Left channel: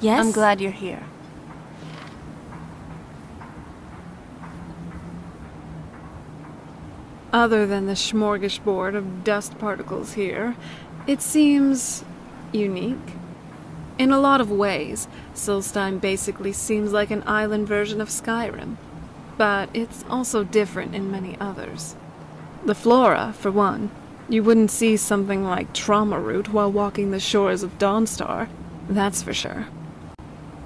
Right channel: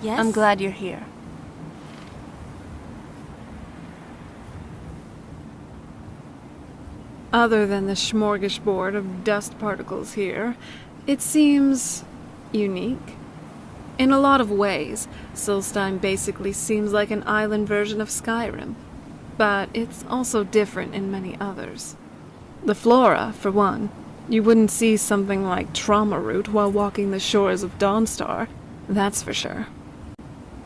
Yes? I'm glad you're here. Other than the smorgasbord of dust particles here, it seems unique. In a lot of ways, Solstheim basically seems like an island version of Skyrim, but it's also different in many others. The flora, for one. You wouldn't see something like trauma root while walking the shores of Dawnstar, that's for sure.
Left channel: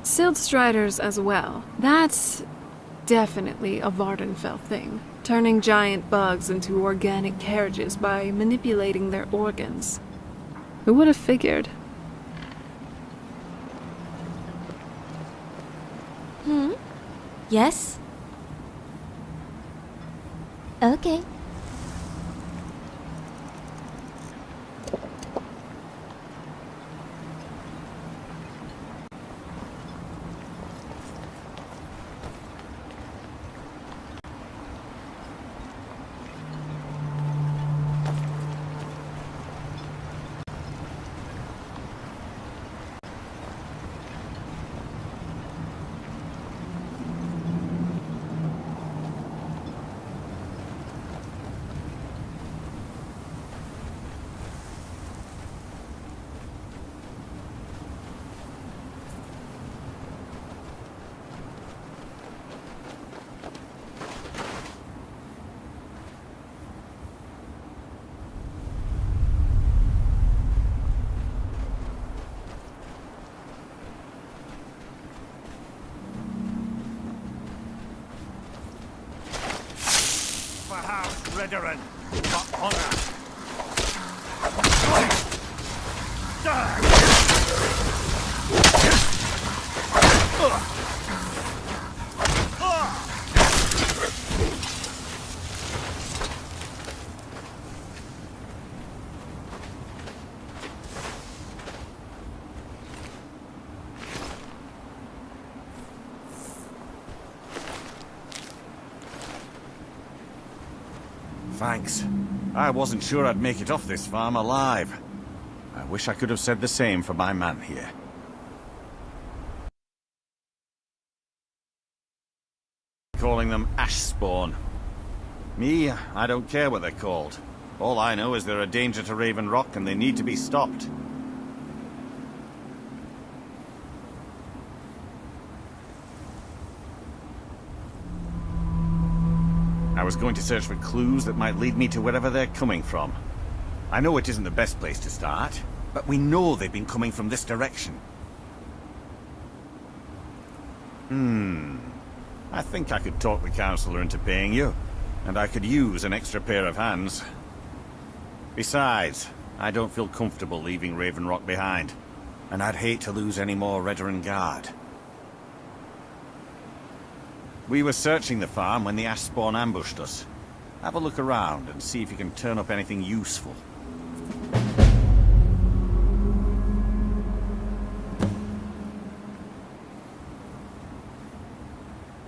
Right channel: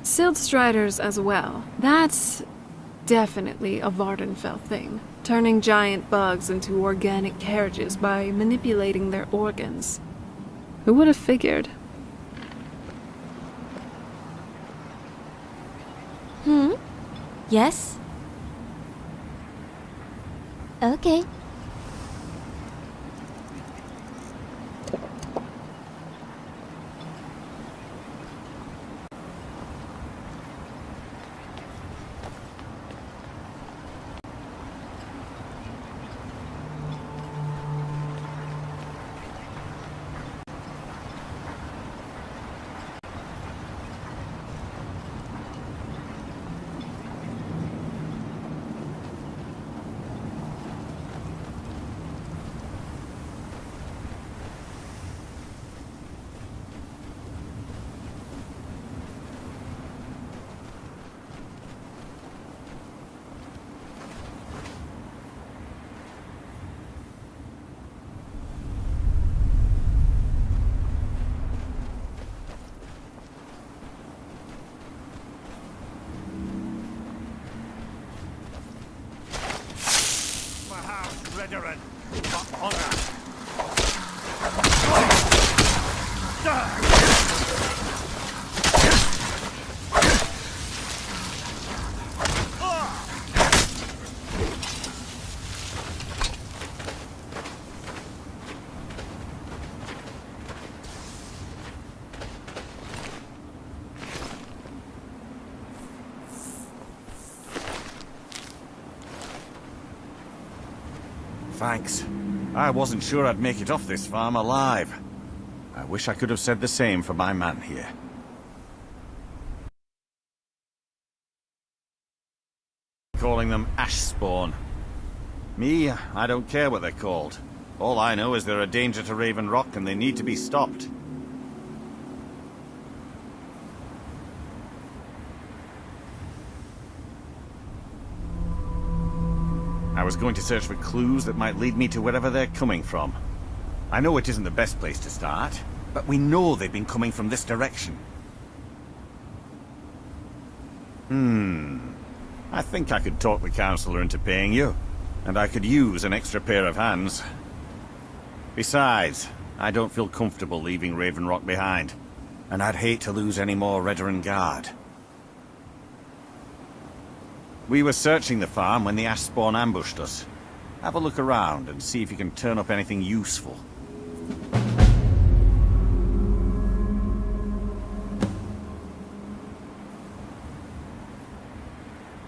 Sildstriders as well. That's definitely a Vardenfell thing, turning giant bugs into organic carriages by manipulating their organs. Who would have figured? Yes? Okay. For House Redoran, for honor. Thanks. I wasn't sure I'd make it off this farm alive. I wish I could have said the same for my man here. Calling them ash spawn. Me, I don't care what they're called. All I know is they're a danger to Raven Rock and they need to be stopped. I was going to search for clues that might lead me to wherever they're coming from. I know it isn't the best place to start, but we know they've been coming from this direction. I think I could talk the Councillor into paying you, and I could use an extra pair of hands. Besides, I don't feel comfortable leaving Raven Rock behind, and I'd hate to lose any more Redoran Guard. We were searching the farm when the ash spawn ambushed us. Have a look around and see if you can turn up anything useful.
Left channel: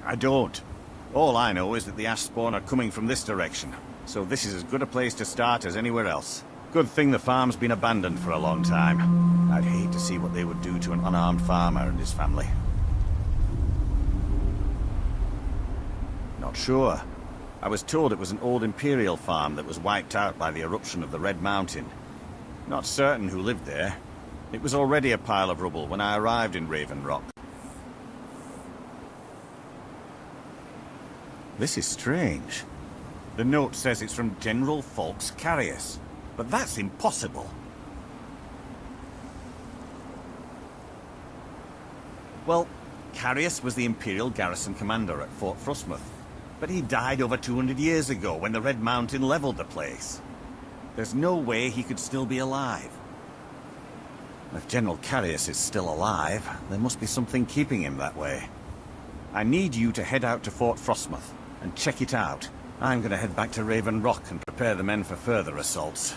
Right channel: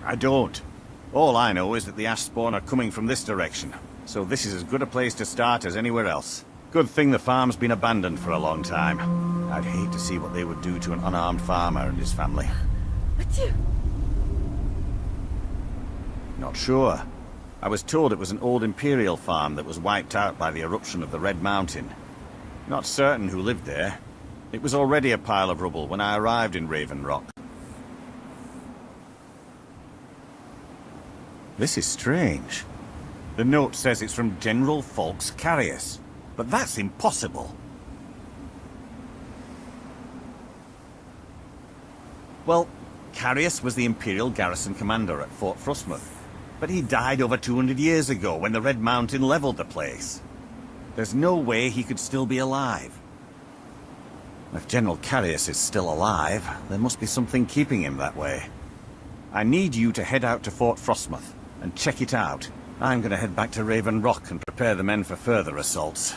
I don't. All I know is that the ash spawn are coming from this direction, so this is as good a place to start as anywhere else. Good thing the farm's been abandoned for a long time. I'd hate to see what they would do to an unarmed farmer and his family. Not sure. I was told it was an old Imperial farm that was wiped out by the eruption of the Red Mountain. Not certain who lived there. It was already a pile of rubble when I arrived in Raven Rock. This is strange. The note says it's from General Falx Carius, but that's impossible. Well, Carius was the Imperial garrison commander at Fort Frostmoth, but he died over 200 years ago when the Red Mountain leveled the place. There's no way he could still be alive. If General Carius is still alive, there must be something keeping him that way. I need you to head out to Fort Frostmoth and check it out. I'm going to head back to Raven Rock and prepare the men for further assaults.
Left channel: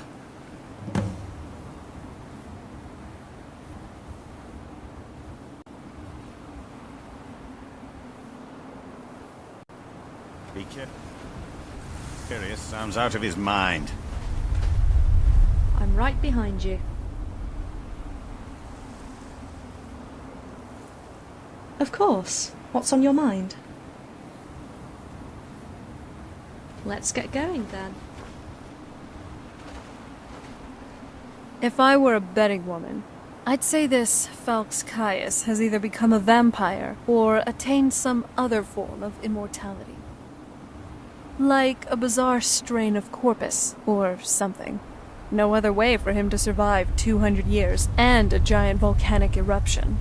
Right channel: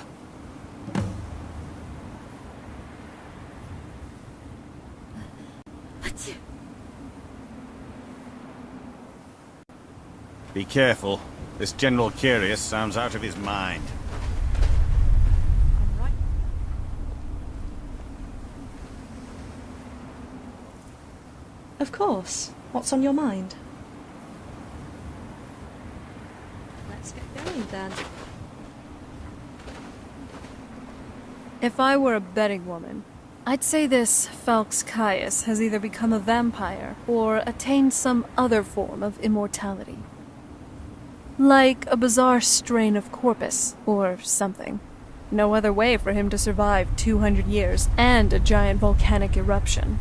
Be careful. This General Carius sounds out of his mind. I'm right behind you. Of course. What's on your mind? Let's get going then. If I were a betting woman, I'd say this Falx Caius has either become a vampire or attained some other form of immortality. Like a bizarre strain of corpus, or something. No other way for him to survive 200 years and a giant volcanic eruption.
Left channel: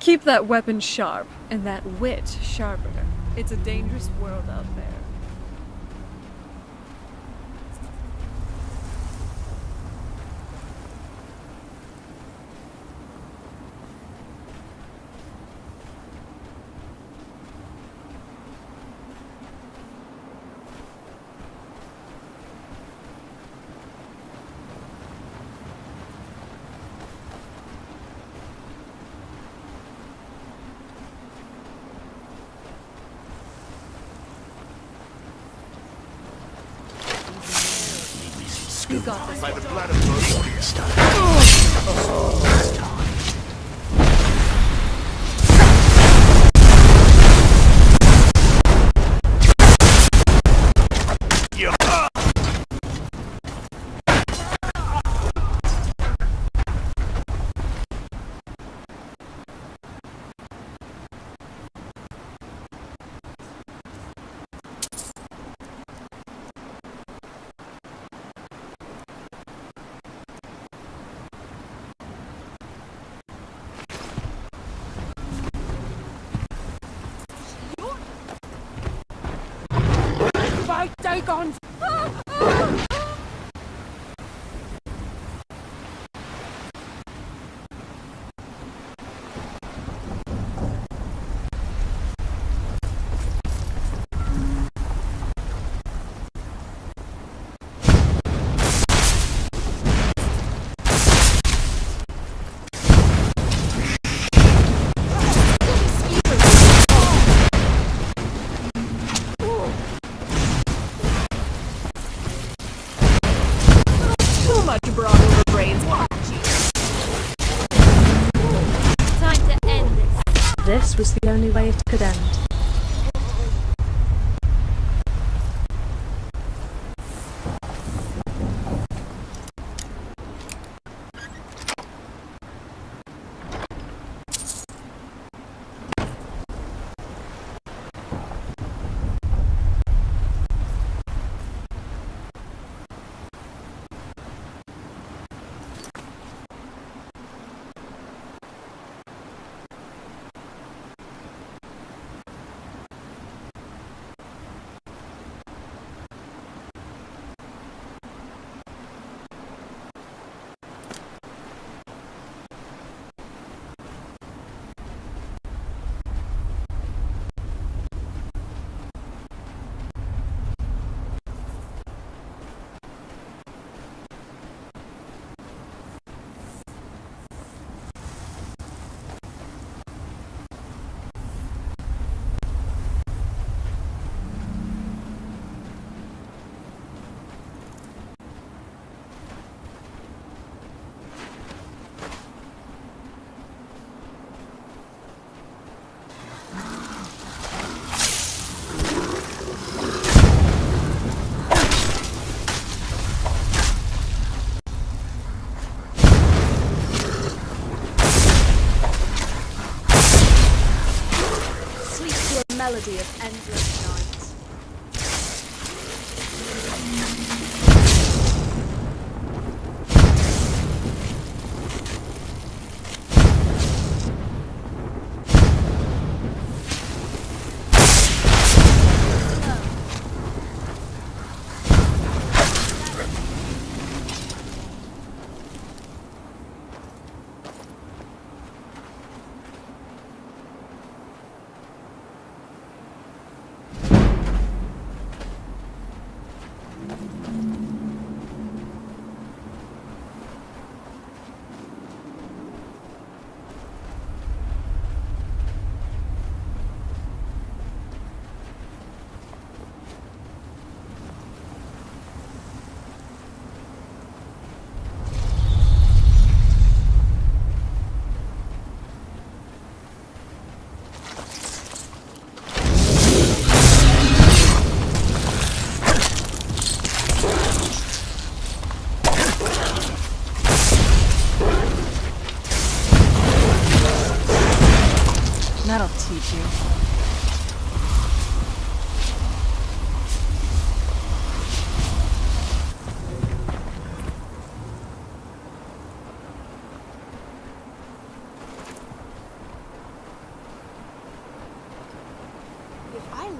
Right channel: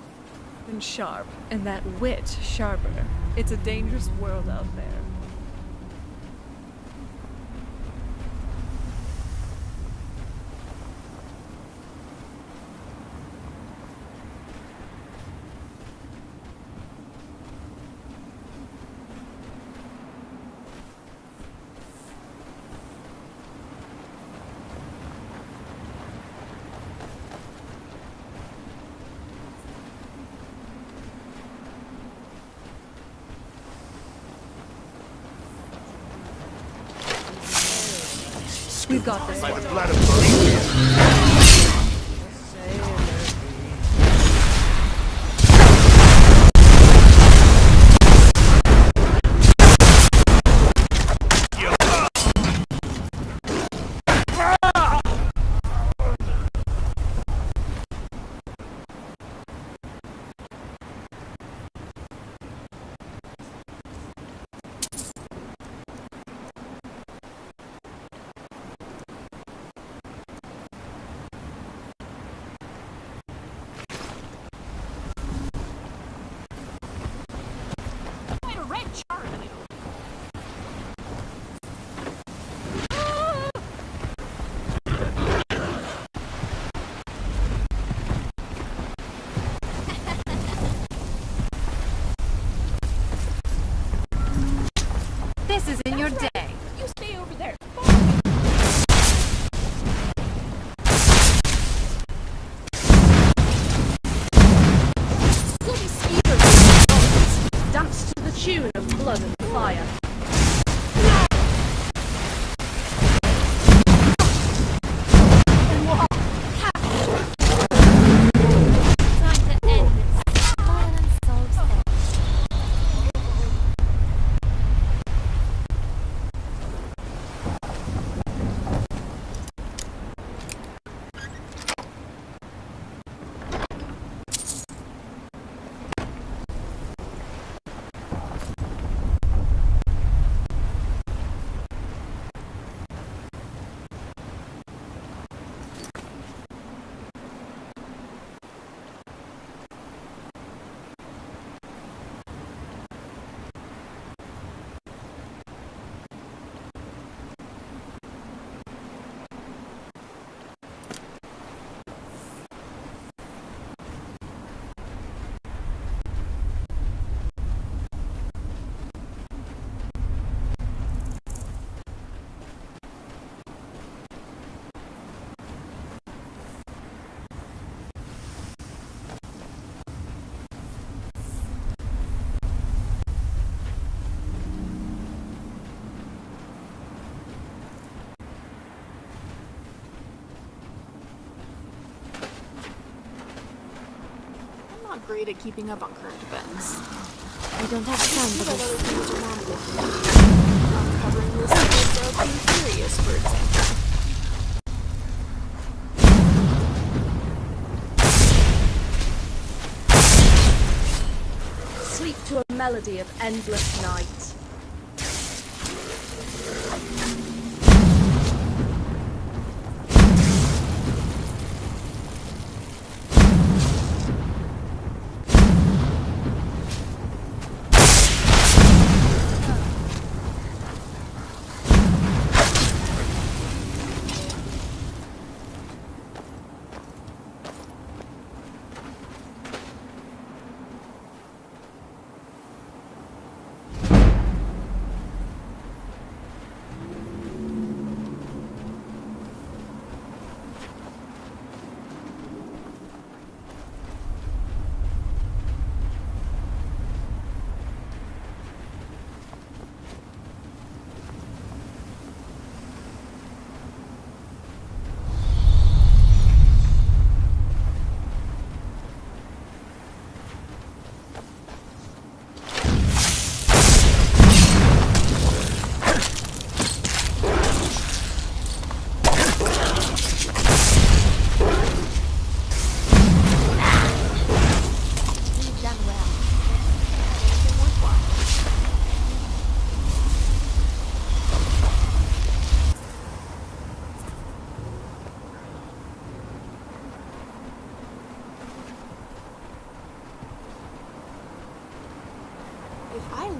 Keep that weapon sharp, and that wit sharper. It's a dangerous world out there. You got this. By the blood of Boreas. This isn't your day. You stay over there. Dance to the tune of blood and fire. Too much broad brains. Time to end this. This was the only way it could end. Great at keeping up on current events. I don't have time for Sleep to a melody of endless night.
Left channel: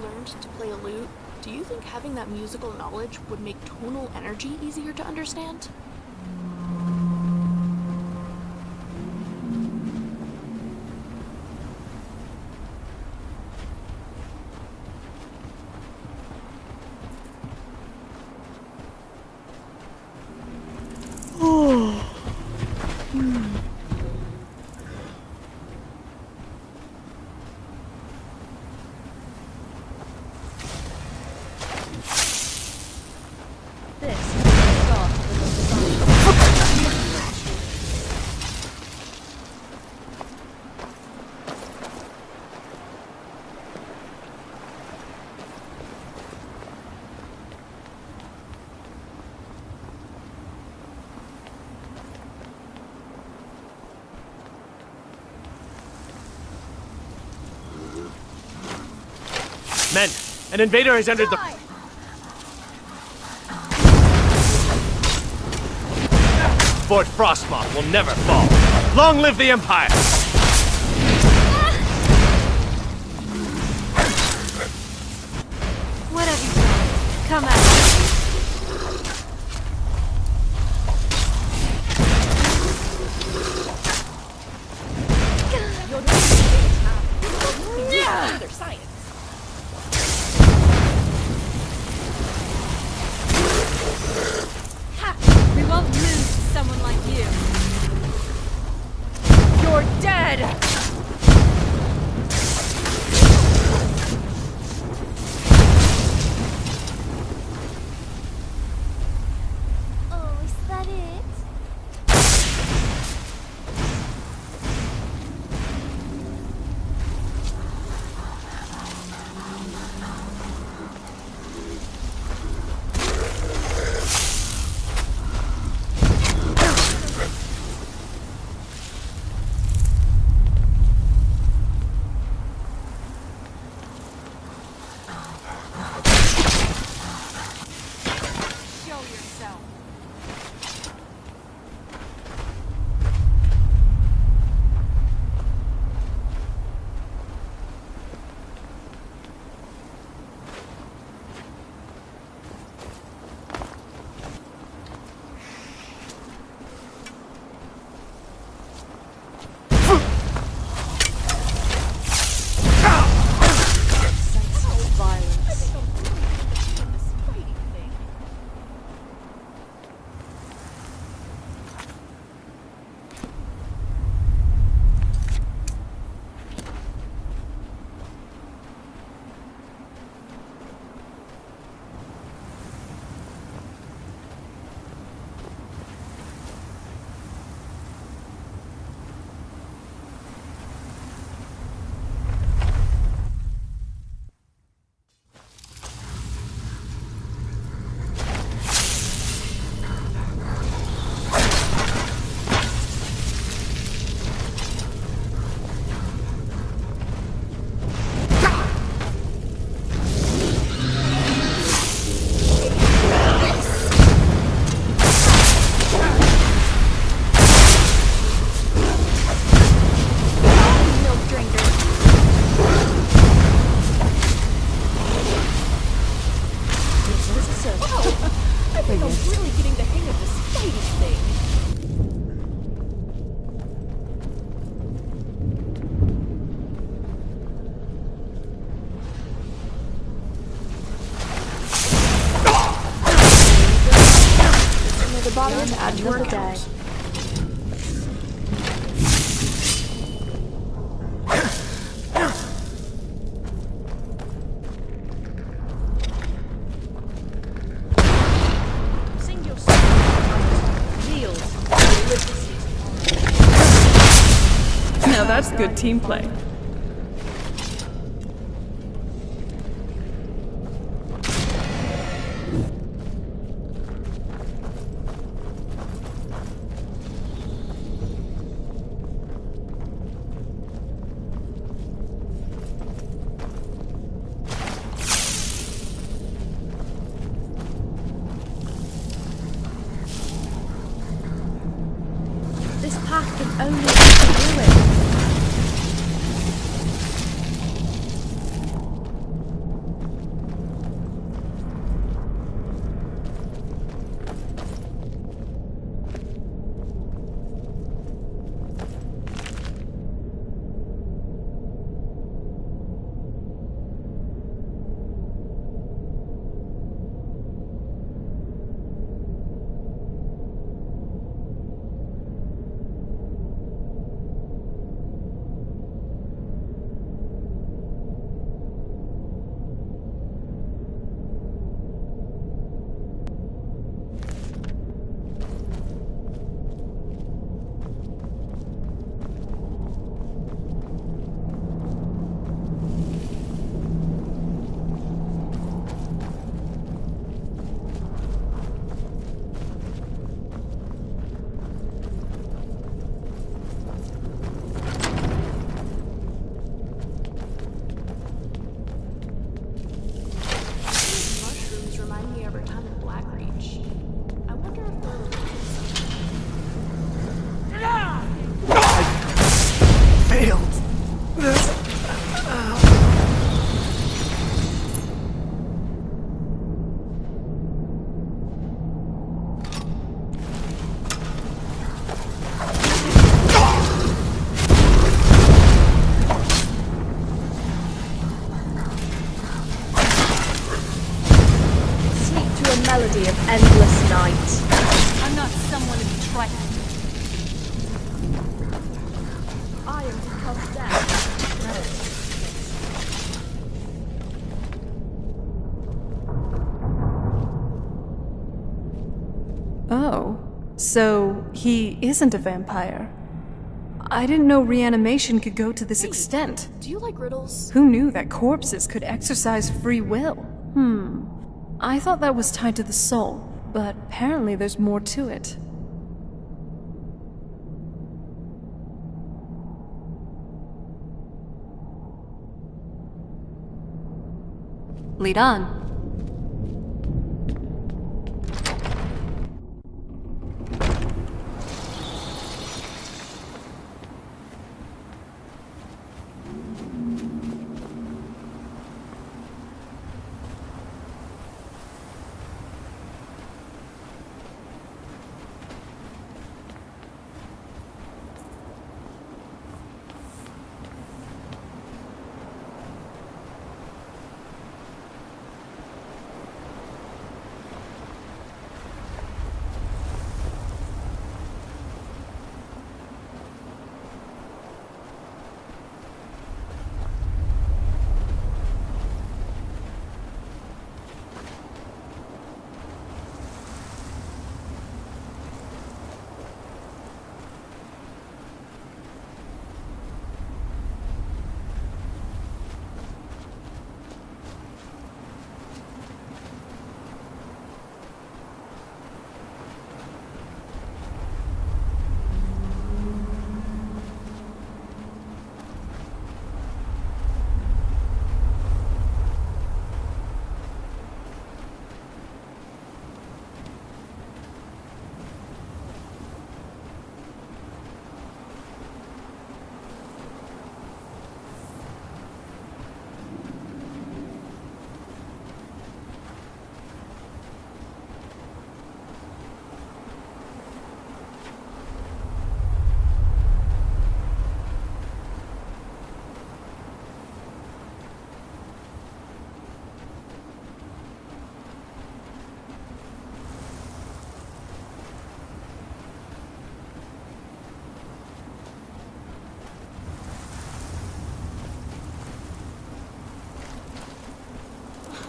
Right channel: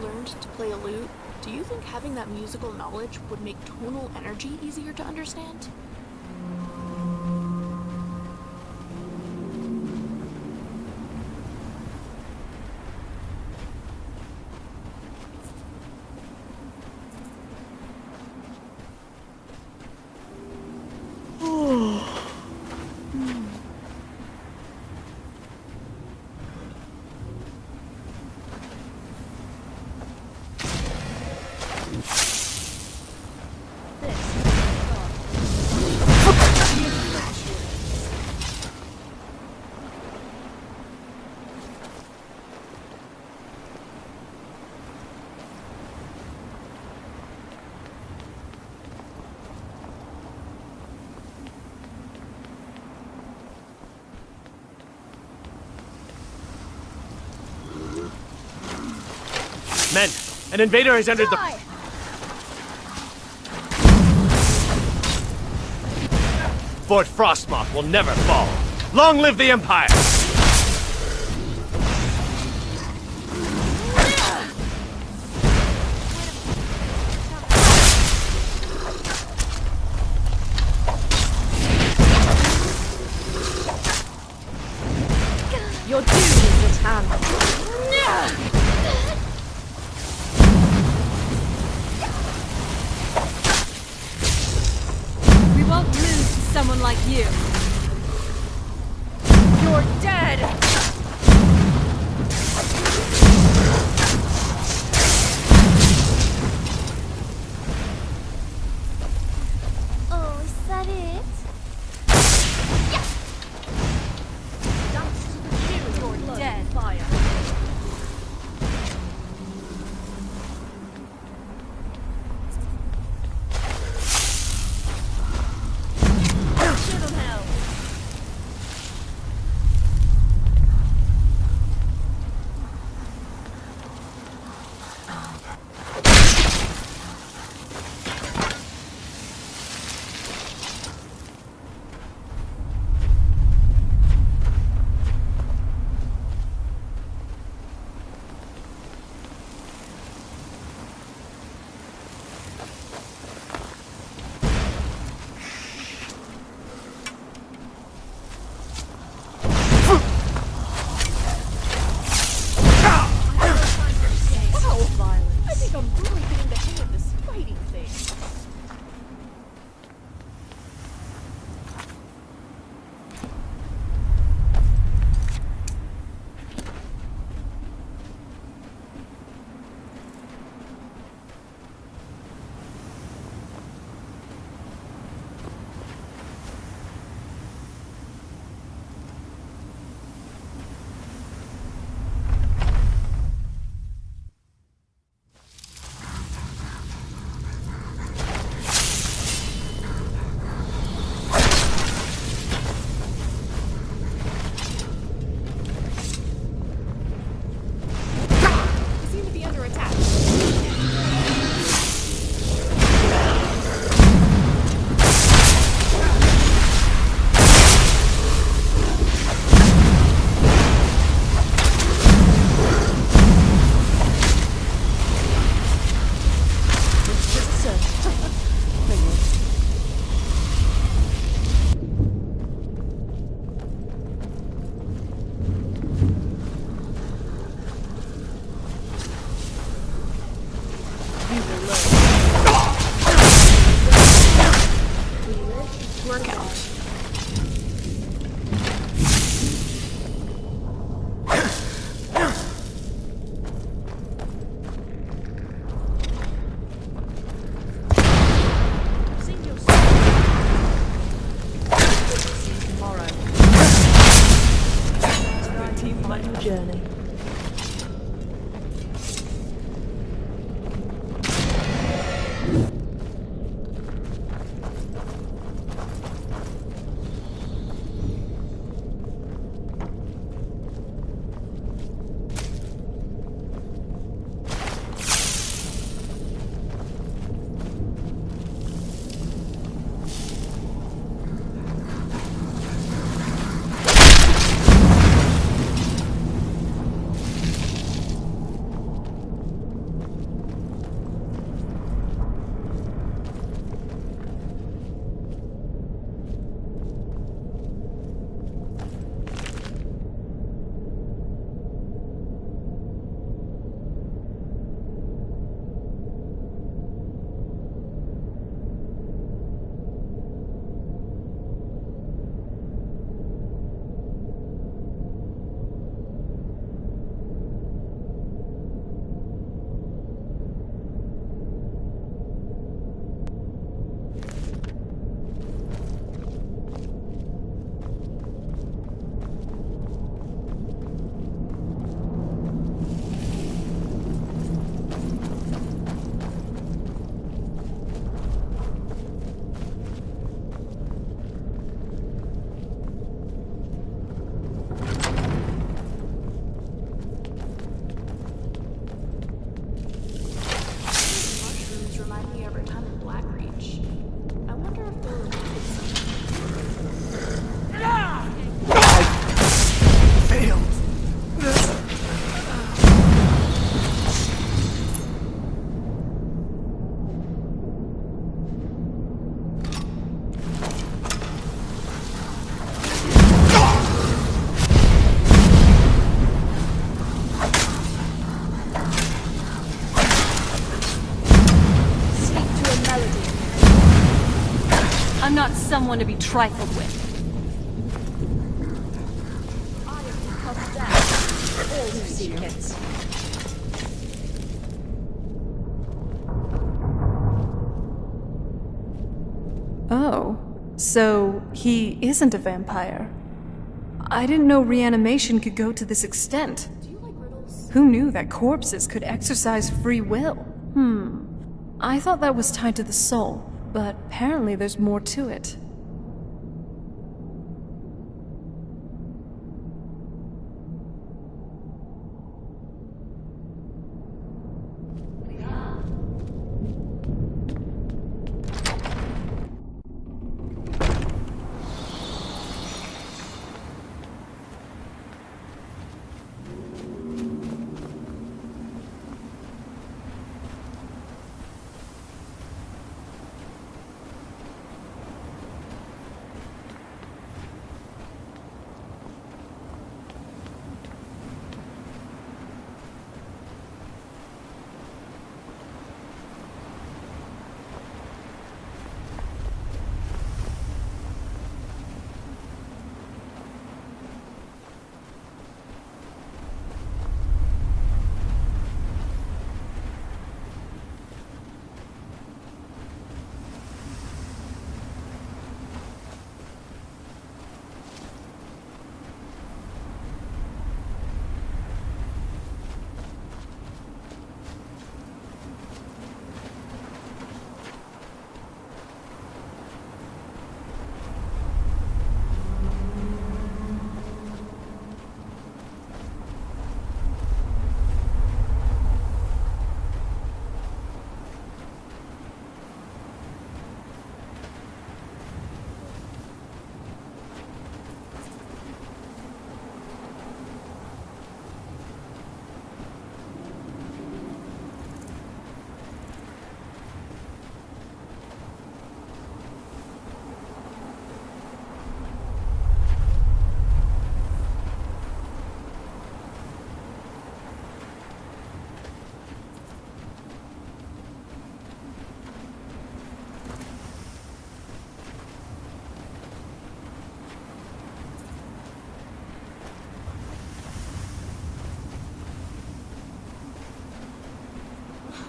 learned to play a lute, do you think having that musical knowledge would make tonal energy easier to understand? This is the start of the Men, an invader has entered the... Fort Frostmoth will never fall. Long live the Empire! What have you done? Come out. Your duty is at hand. We won't lose to someone like you. You're dead! Oh, is that it? You're dead. That's good team play. This path can only remind me of our time in Blackreach. I wonder if they're related somehow. Failed. Sleep to a melody of endless night. I'm not someone to be trifled with. I am to come down. All seek it. Oh, so he isn't a vampire. I didn't know reanimation could go to this extent. Do you like riddles? Who knew that corpses could exercise free will? I thought that was tied to the soul, but apparently there's more to it. Lead on.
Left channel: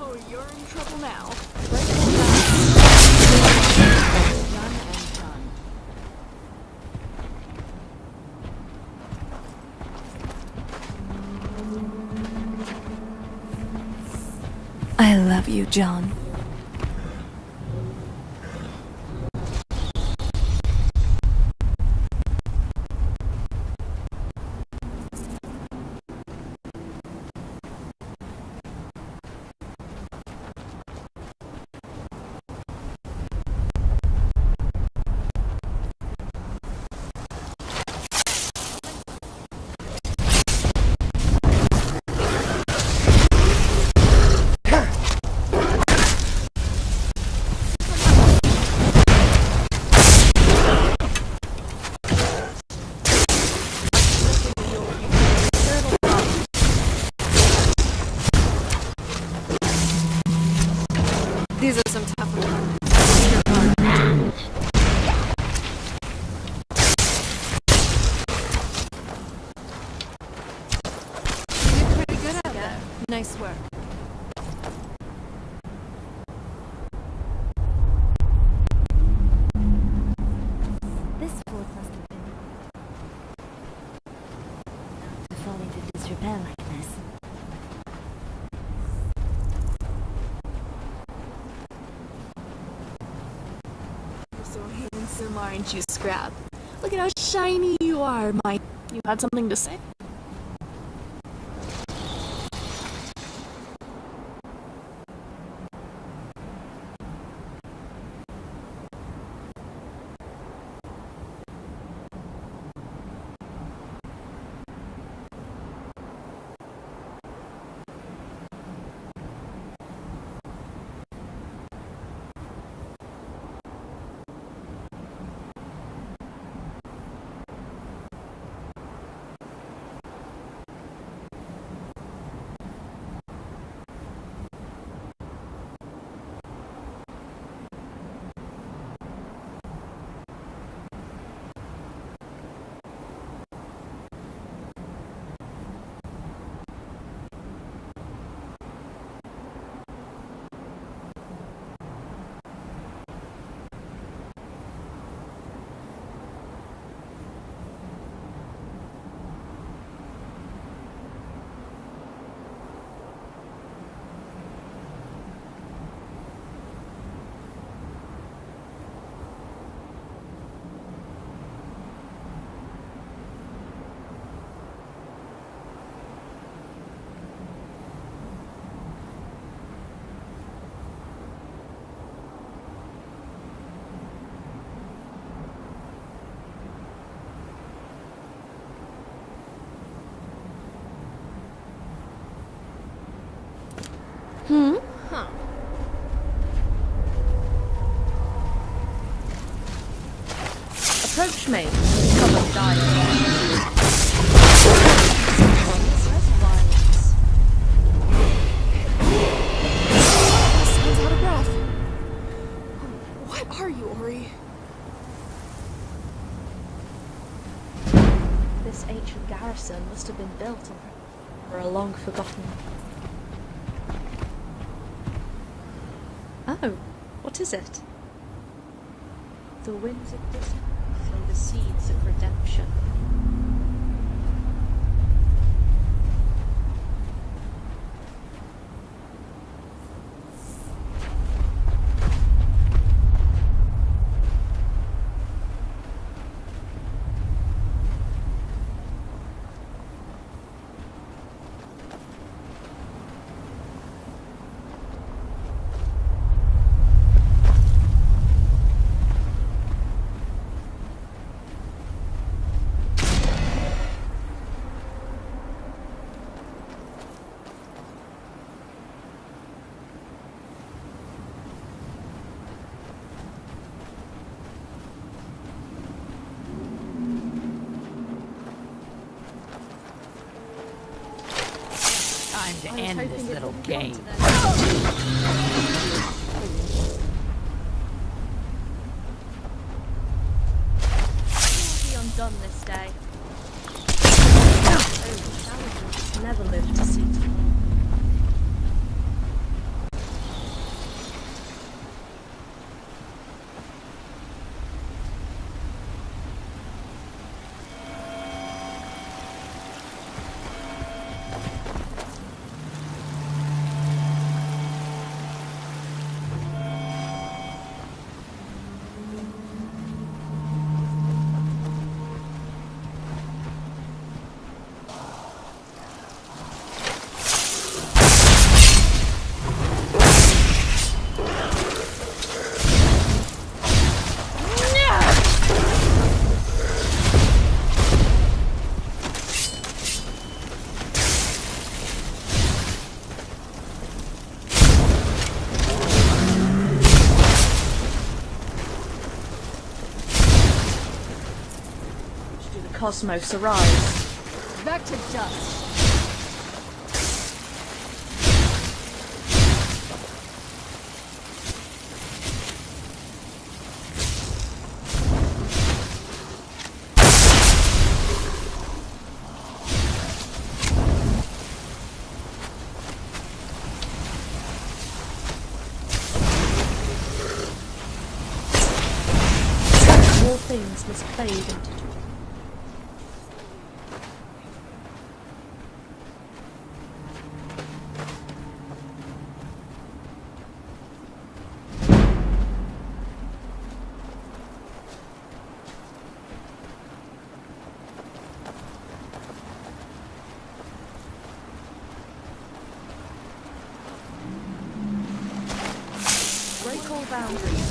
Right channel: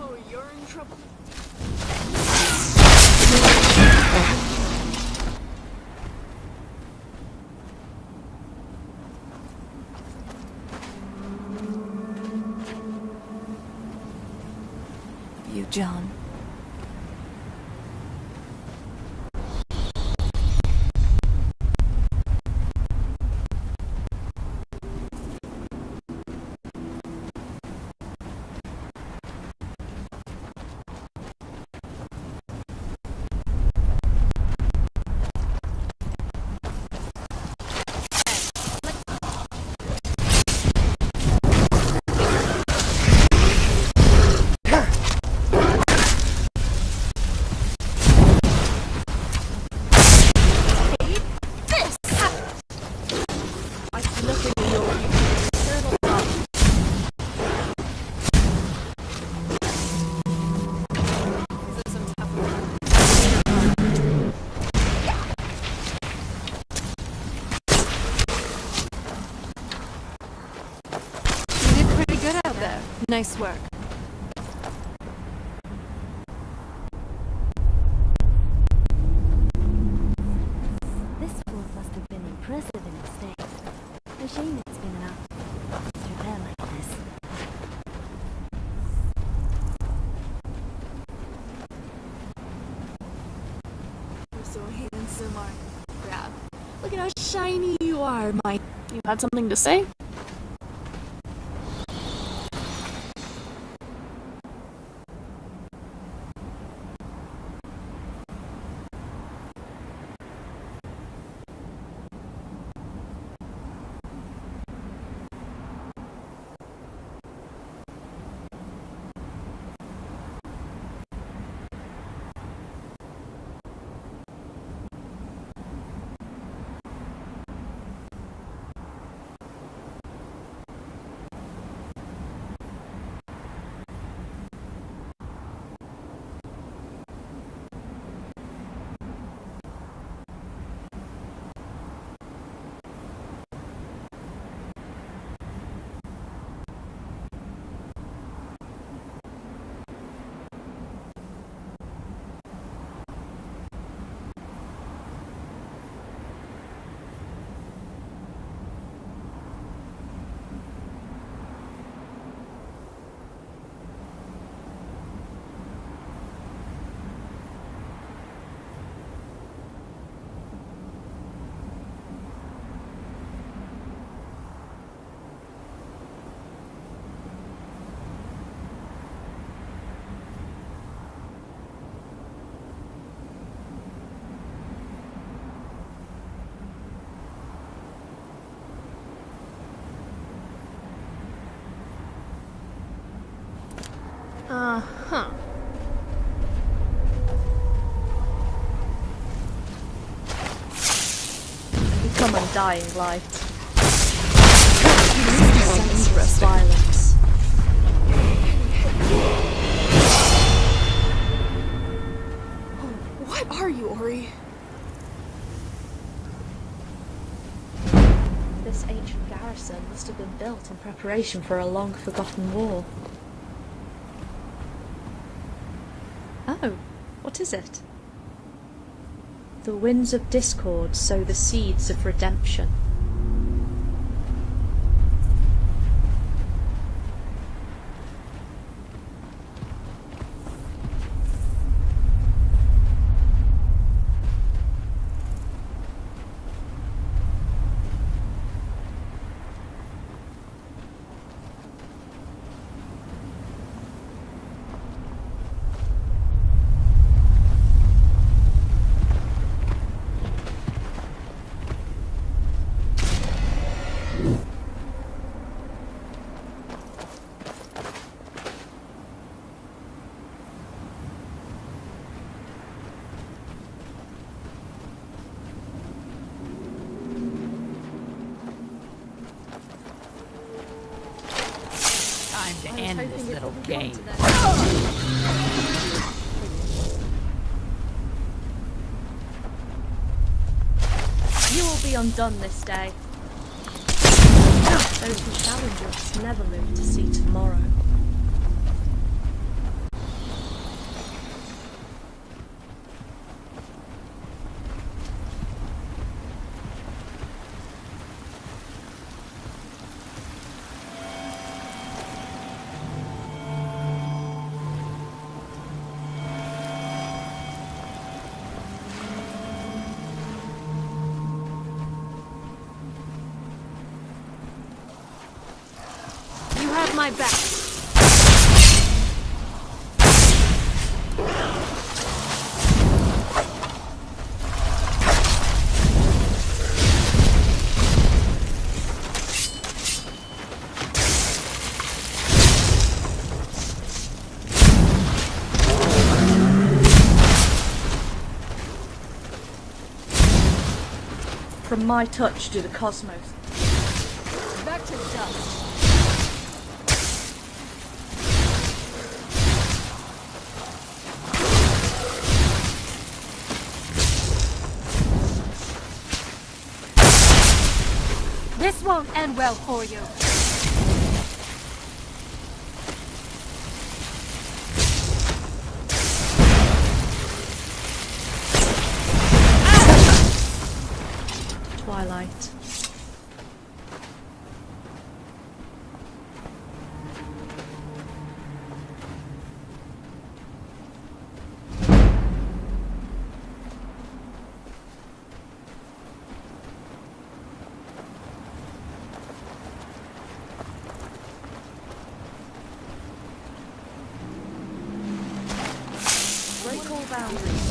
Oh, you're in trouble now. I love you, John. These are some tough ones. You did pretty good out there. Nice work. This fort must have been the president's day. A shame it's been allowed to fall into disrepair like this. You're so handsome, aren't you, Scrap? Look at how shiny you are, my... You had something to say? me and become undying light. Senseless violence. Sounds out of breath. Oh, what are you, Ori? This ancient garrison must have been built in preparation for a long-forgotten war. Oh, what is it? The winds of discord sow the seeds of redemption. Time to end this little game. You will be undone this day. Those who challenge us never live to see tomorrow. You have my back. From my touch do the cosmos arise. Back to dust. This won't end well for you. All things must fade into twilight. Break all boundaries.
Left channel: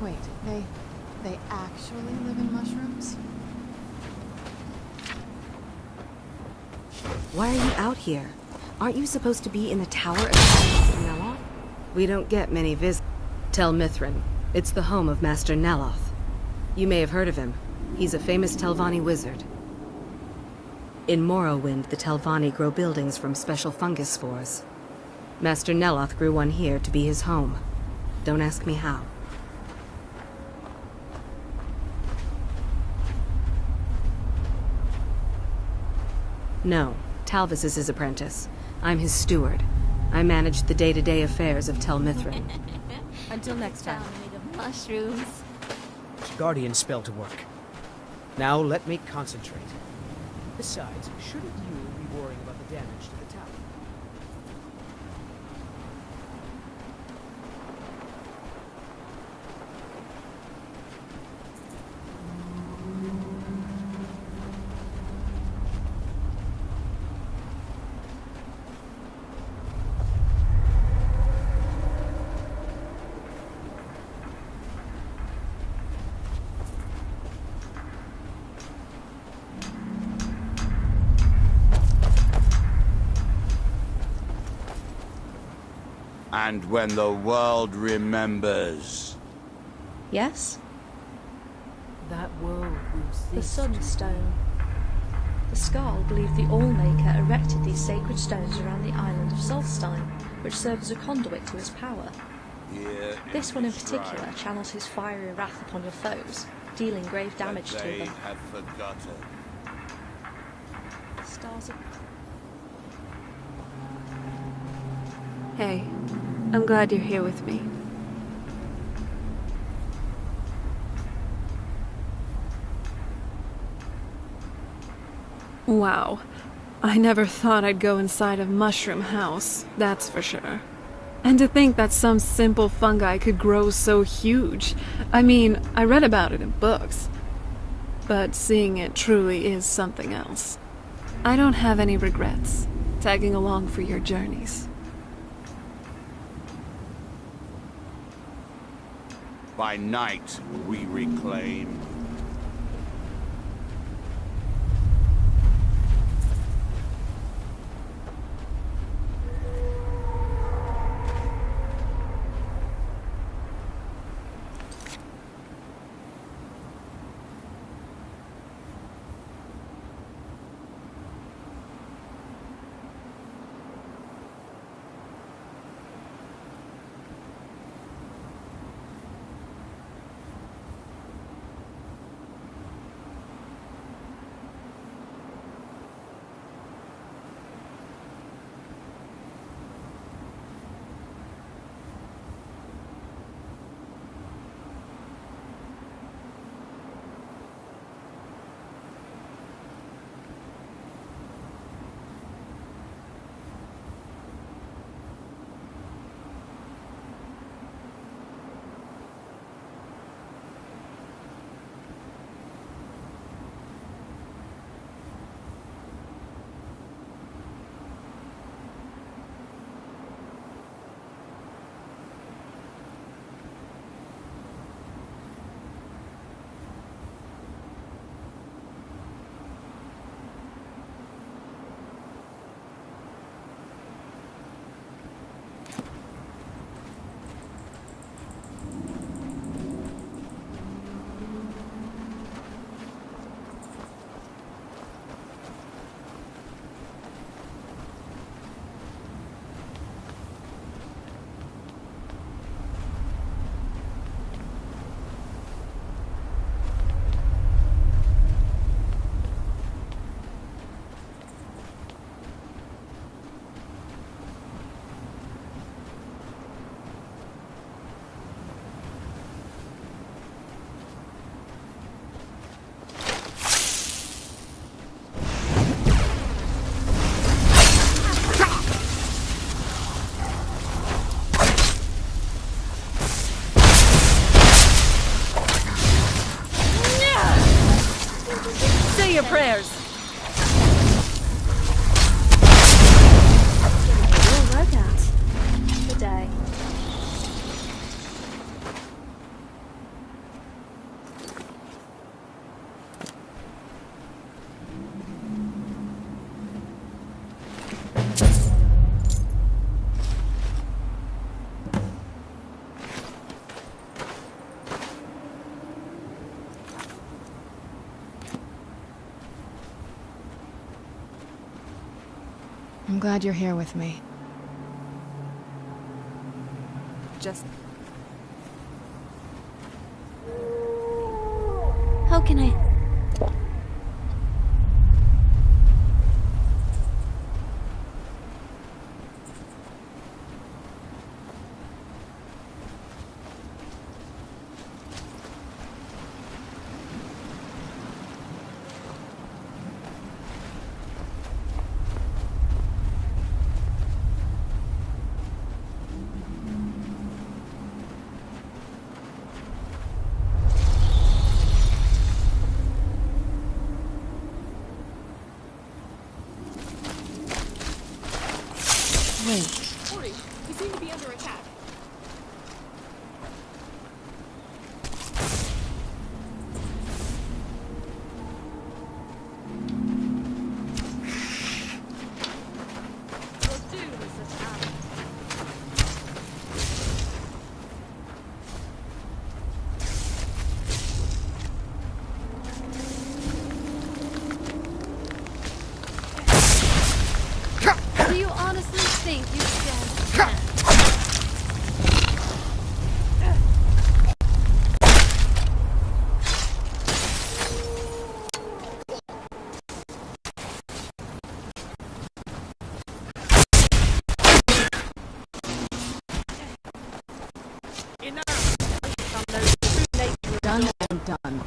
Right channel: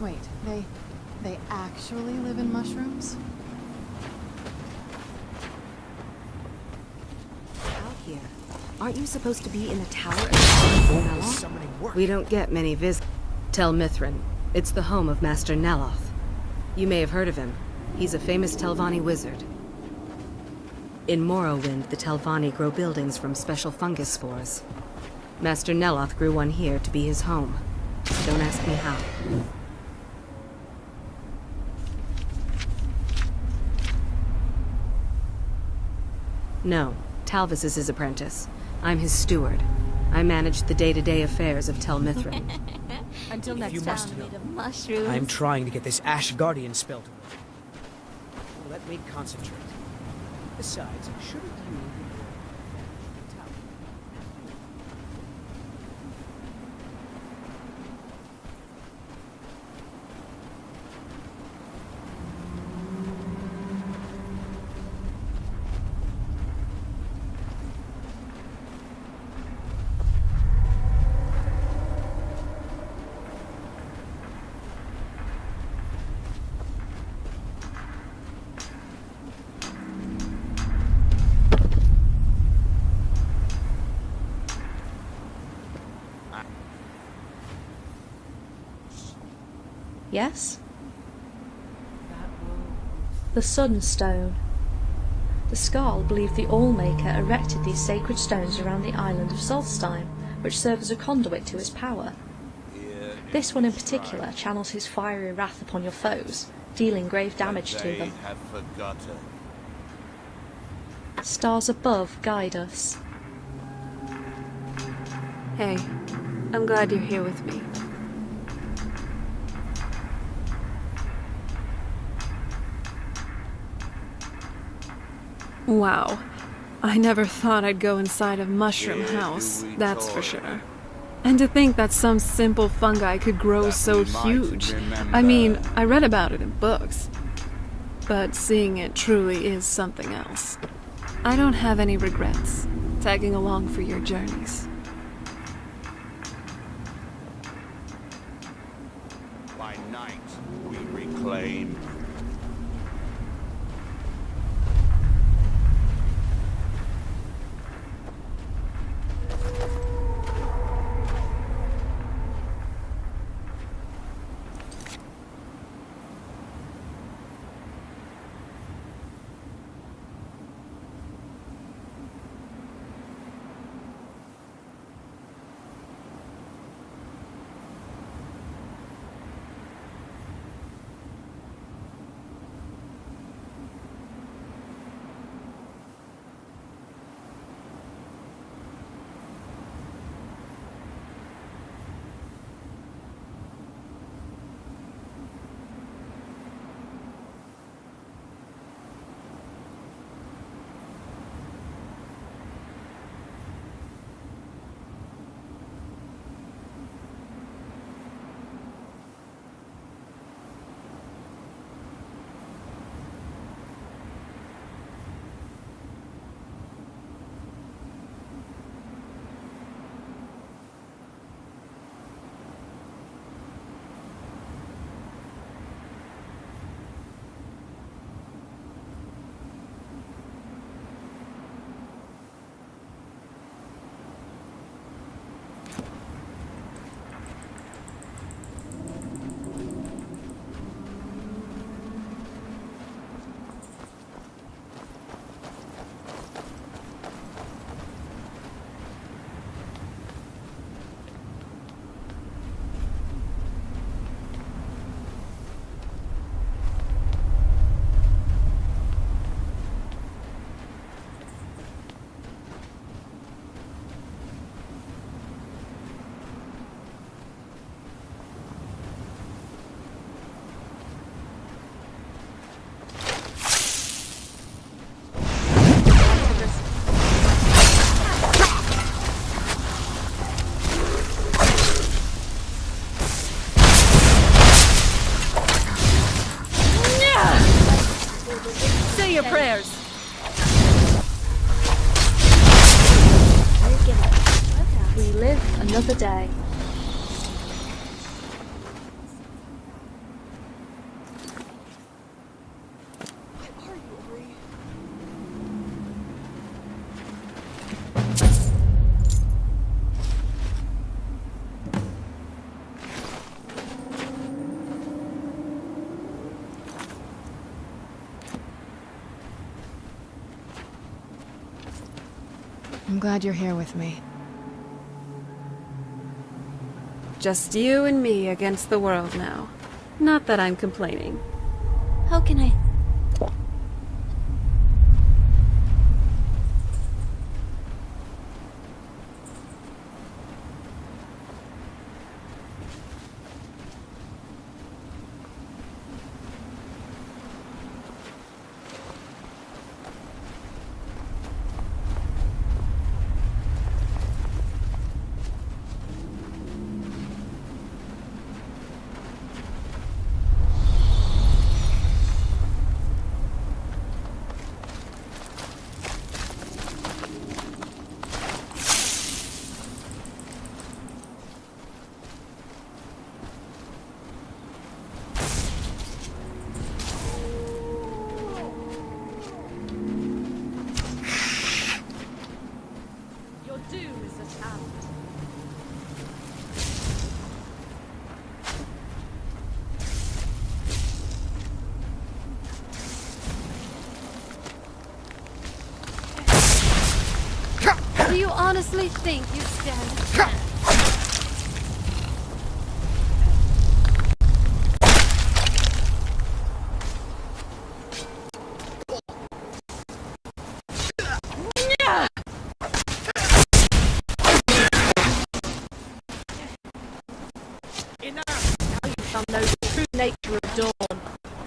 Wait, they actually live in mushrooms? Why are you out here? Aren't you supposed to be in the tower of Master Neloth? We don't get many visitors. Tel Mithryn. It's the home of Master Neloth. You may have heard of him. He's a famous Telvanni wizard. In Morrowind, the Telvanni grow buildings from special fungus spores. Master Neloth grew one here to be his home. Don't ask me how. No, Talvis is his apprentice. I'm his steward. I manage the day-to-day affairs of Tel Mithryn. Until next time. Made of mushrooms. I'm trying to get this Ash Guardian spell to work. Now let me concentrate. Besides, shouldn't you be worrying about the damage to the tower? And when the world remembers. Yes? That world will see. The Sunstone. The Skarl believe the Allmaker erected these sacred stones around the island of Solstheim, which serve as a conduit to his power. Here This one in particular channels his fiery wrath upon your foes, dealing grave damage to they them. have forgotten. Stars above guide us. Hey, I'm glad you're here with me. Wow. I never thought I'd go inside a mushroom house, that's for sure. And to think that some simple fungi could grow so huge. I mean, I read about it in books. But seeing it truly is something else. I don't have any regrets, tagging along for your journeys. By night, we reclaim. Say your prayers. We live another day. I'm glad you're here with me. Just you and me against the world now. Not that I'm complaining. How can I... Your doom is at hand. you honestly think you stand a chance? Some know the true nature of dawn. Done.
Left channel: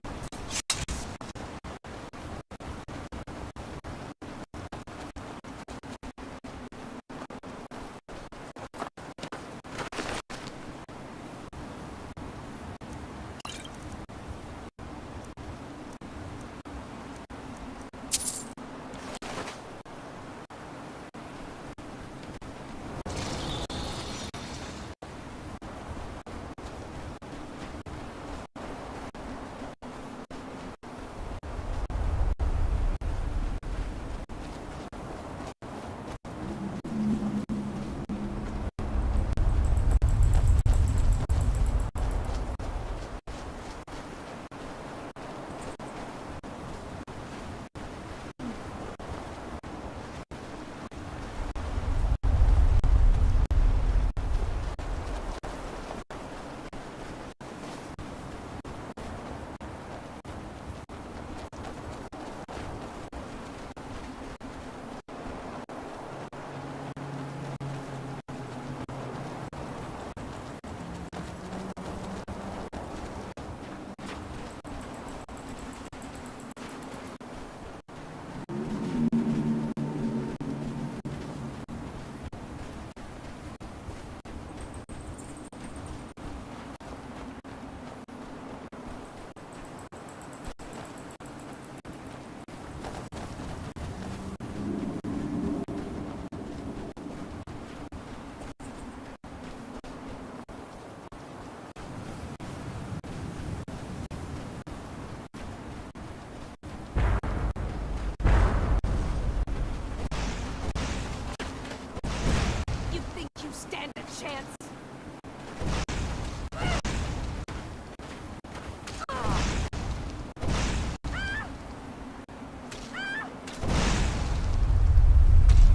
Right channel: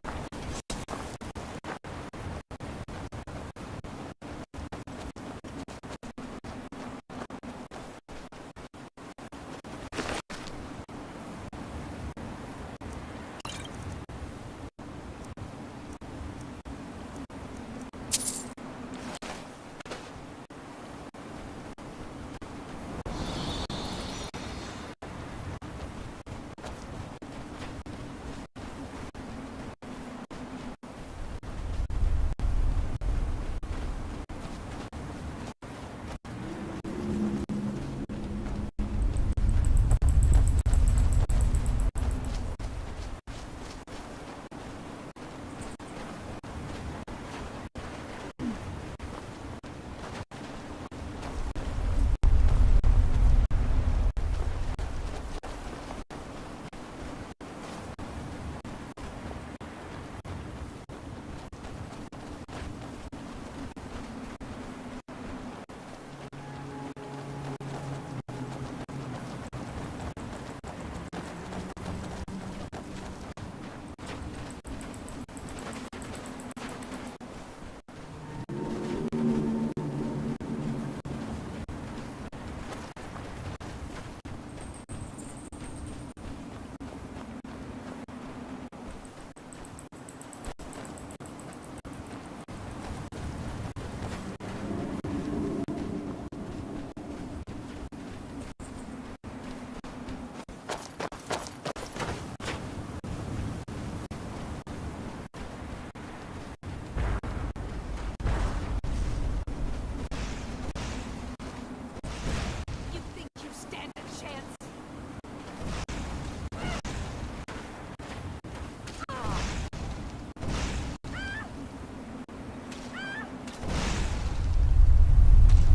Stand a chance.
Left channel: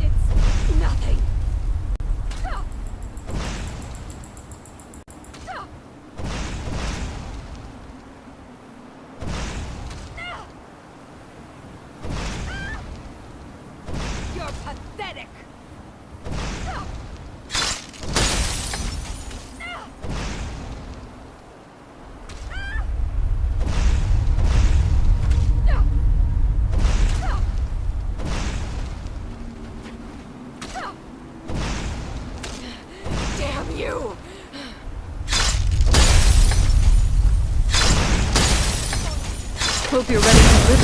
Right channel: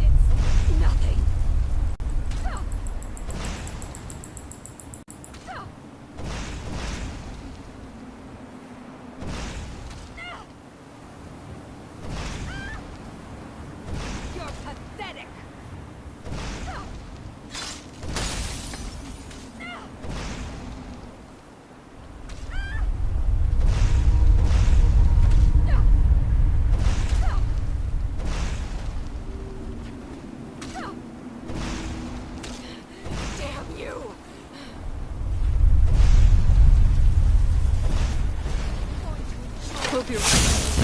It's nothing. You're pathetic. Damn you! Hope you're ready to live.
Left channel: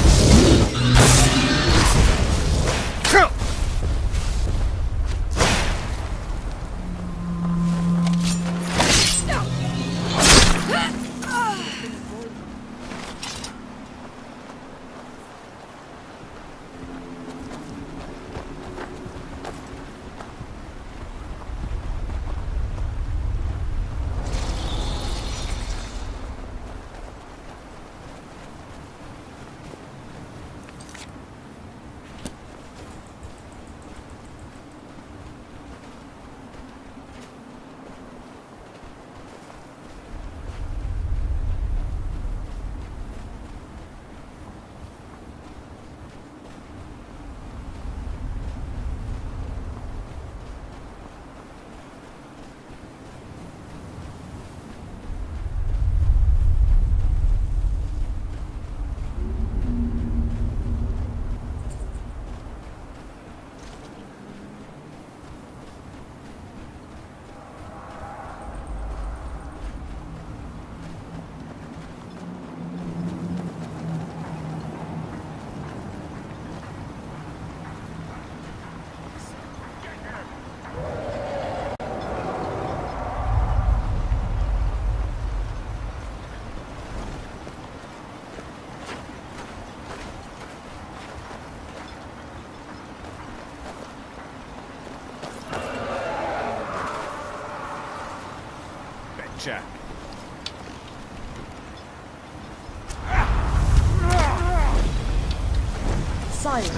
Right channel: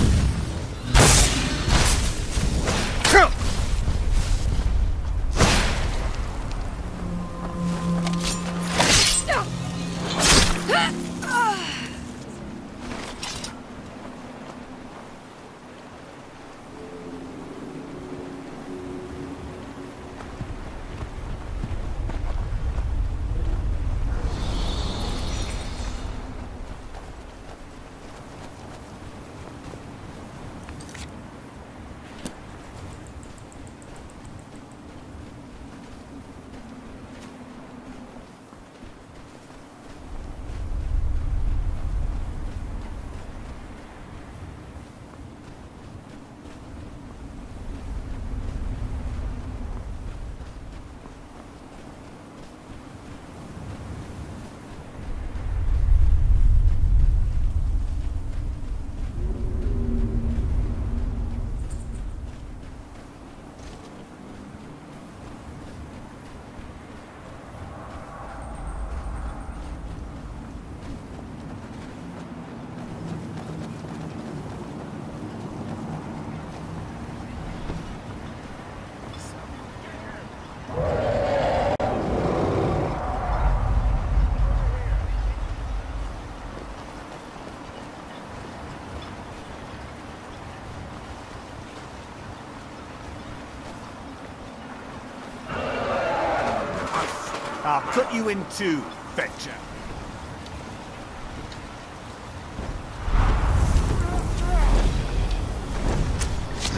Cut you in two, Fetcher. Silence.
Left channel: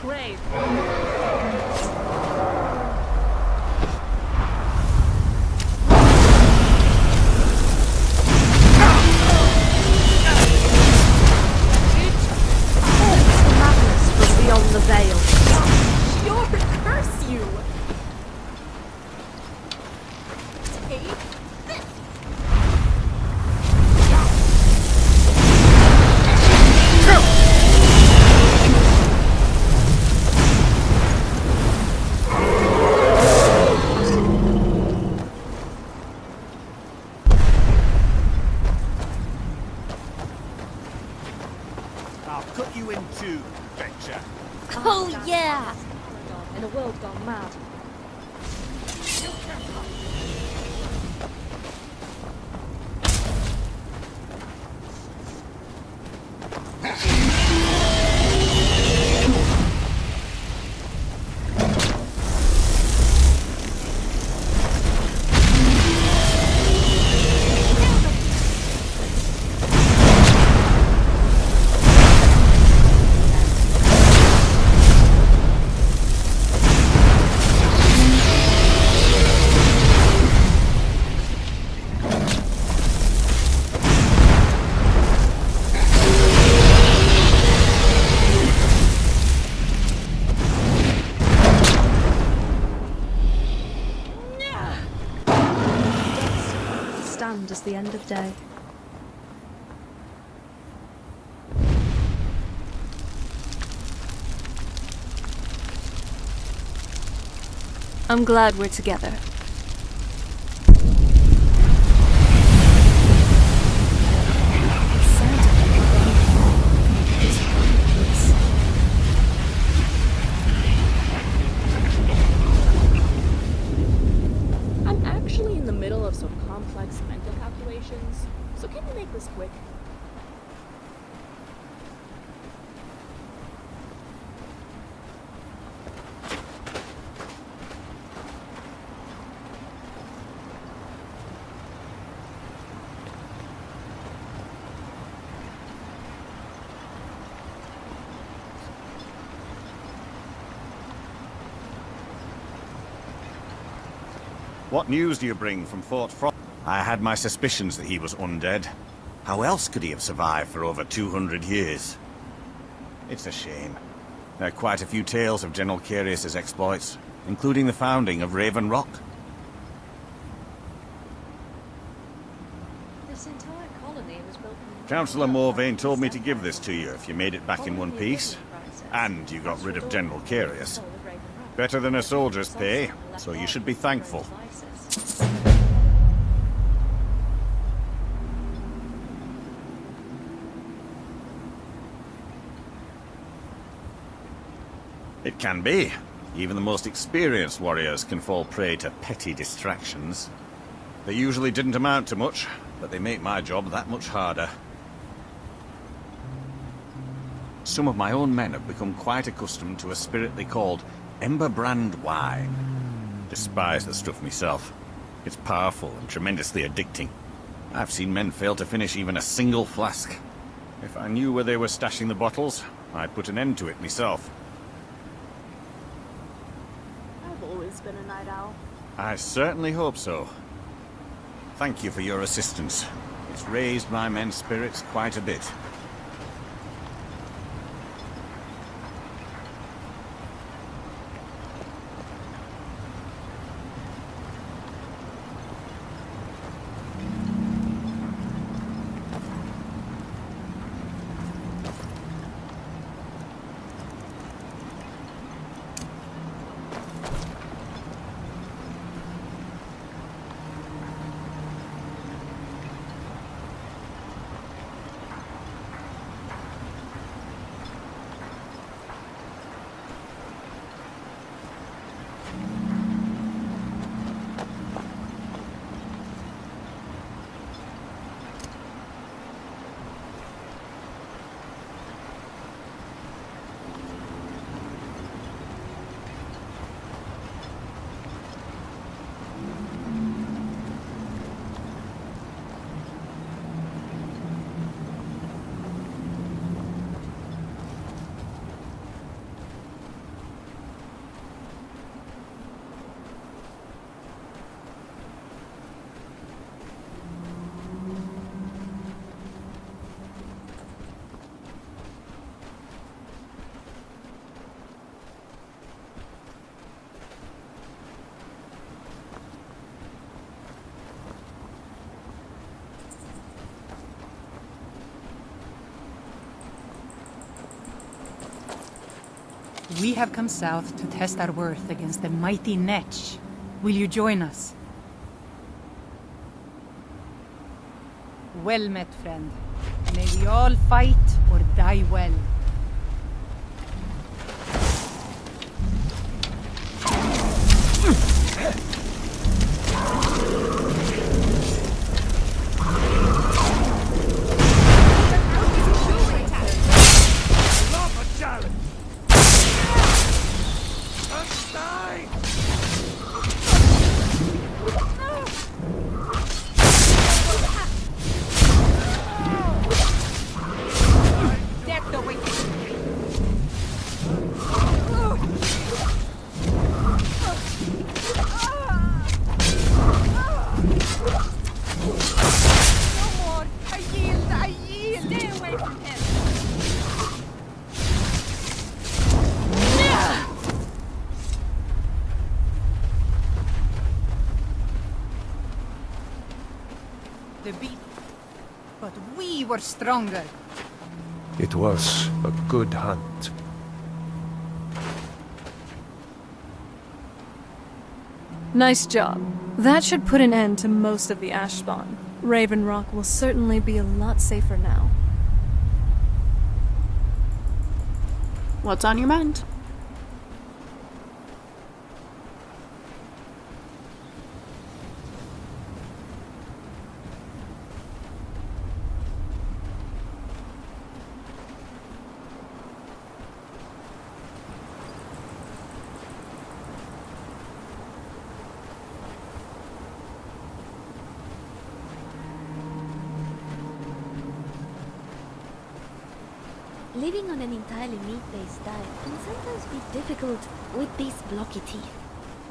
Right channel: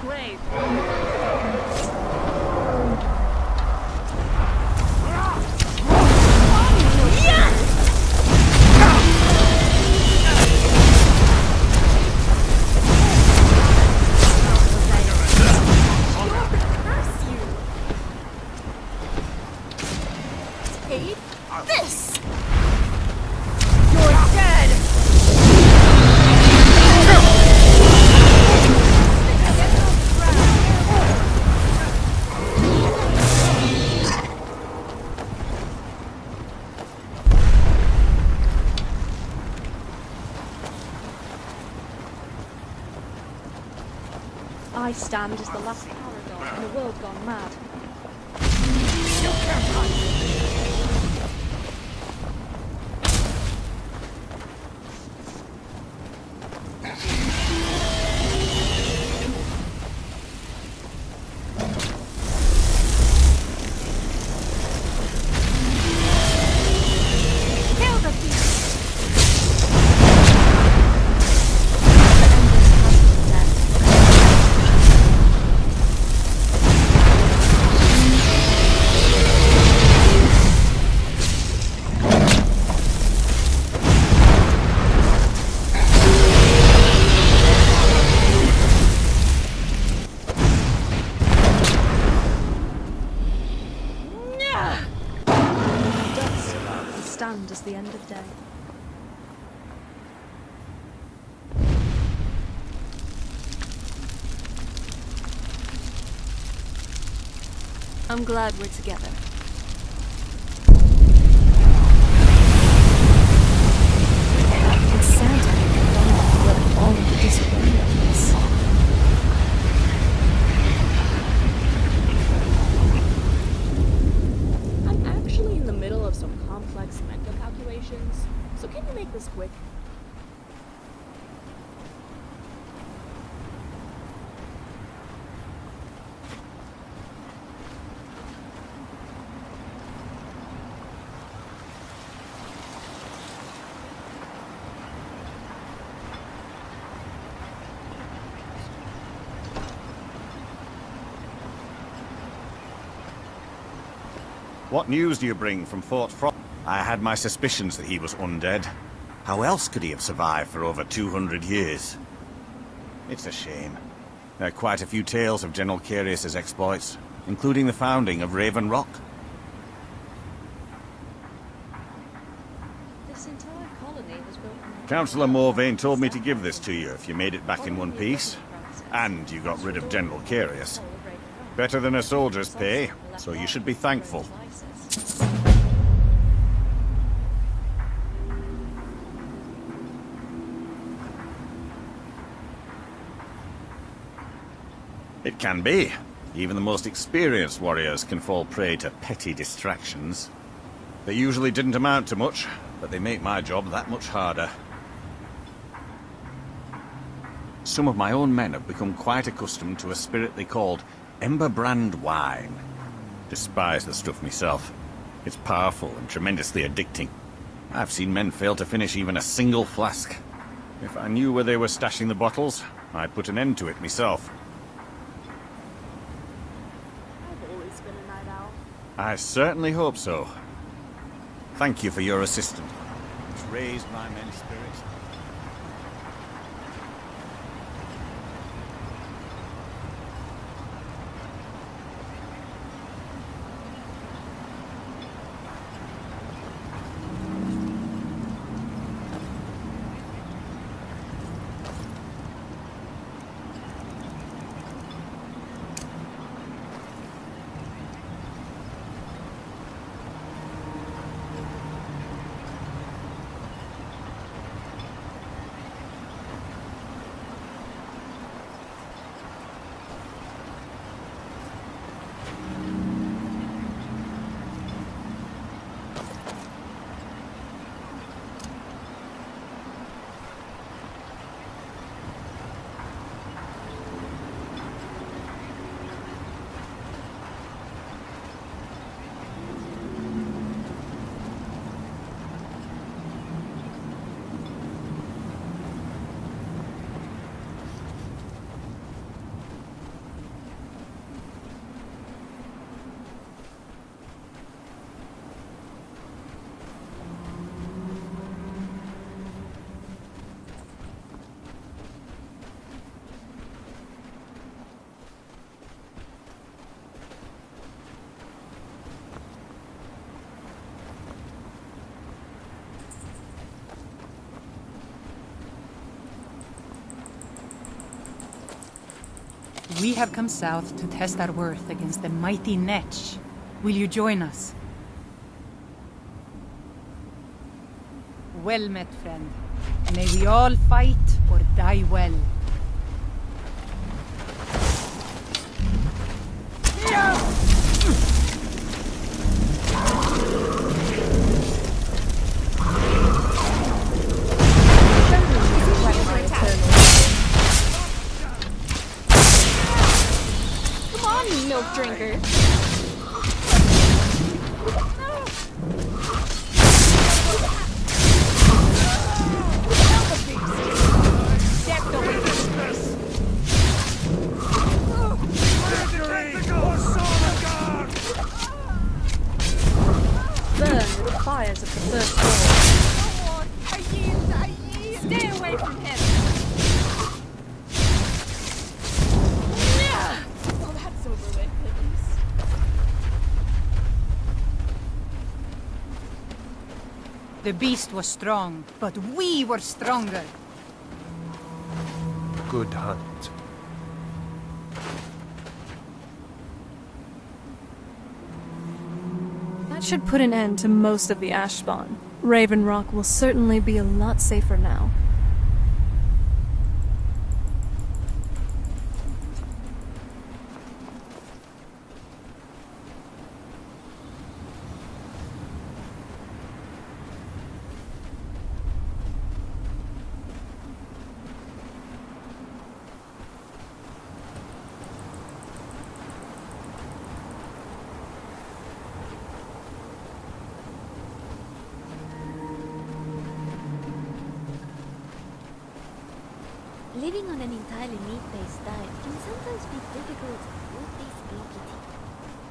grave. Beyond the veil. Your curse you! Take this! You're dead! I'll cut you in two, Venture. I stand as the last paragon in a world gone mad. Stand as the end of day. I'm glad we're together. It's sad to think of all of the disagreements. I'm actually in the middle of some complex mental calculations, so can you make this quick? What news do you bring from Fort Frost? I had my suspicions that he was undead. How else could he have survived for over 200 years? It's a shame. There are quite a few tales of General Carius's exploits, including the founding of Raven Rock. This entire colony was built from the Councillor Morvain told me to give this to you if you made it back in one piece. And you got rid of General Carius. Better than a soldier's pay, so you should be thankful. It can be. Even the most experienced warriors can fall prey to petty distractions. They usually didn't amount to much, but they make my job that much harder. Some of my own men have become quite accustomed to a spirit they called Emberbrand wine. Despise the stuff myself. It's powerful and tremendously addicting. I've seen men fail to finish even a single flask. If I knew where they were stashing the bottles, I'd put an end to it myself. I've always been a night owl. I certainly hope so. Thank you for your assistance. It's raised my men's spirits quite a bit. We have come south to test our worth against the mighty Netch. Will you join us? Well met, friend. May we all fight or die well. The beast was strong, but we were stronger. It was a good hunt. Nice job. That should put an end to most of the ash spawn. Raven Rock will certainly be a lot safer now. What's on your mind? Living on an entirely meat-based diet can sometimes be difficult with these blocky teeth.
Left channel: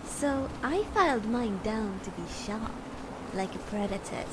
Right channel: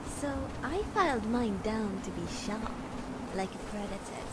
So I filed mine down to be sharp, like a predator's.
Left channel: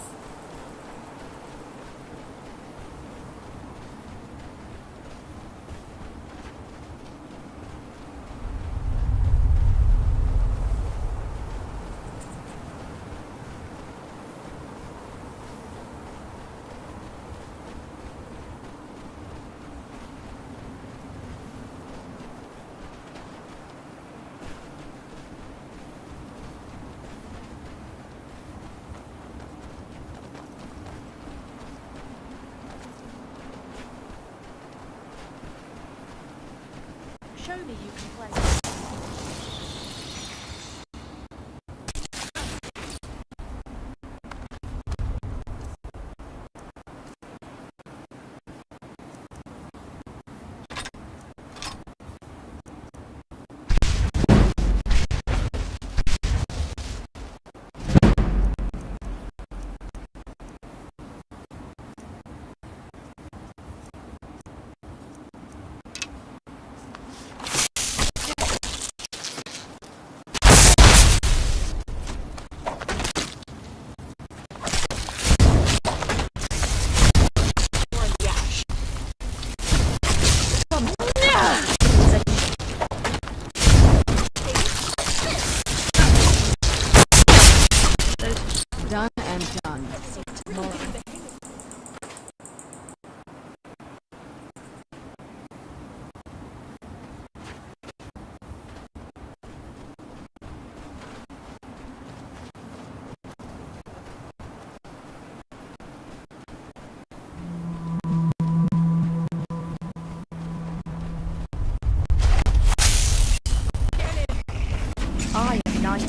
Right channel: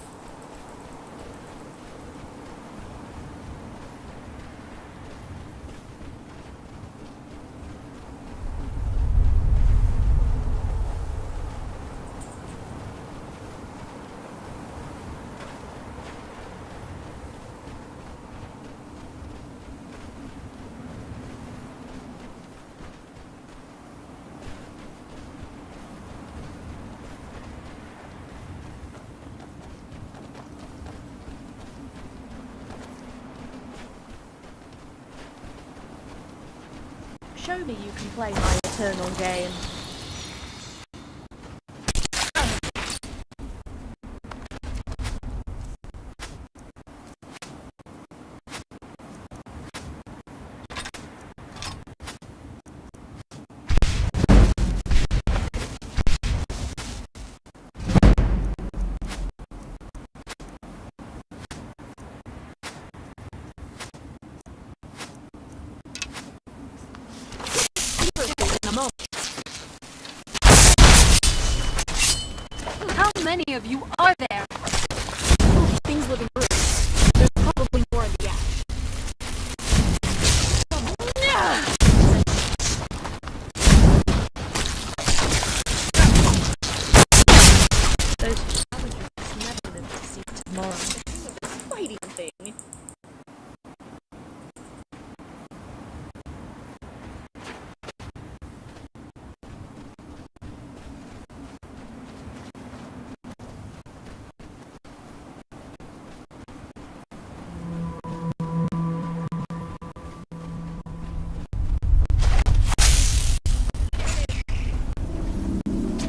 Show me you can play my eternal game. Of you are there. Things that improve. There's probably more in the ash. Done and done. Tomorrow. Fighting thing. I am knight.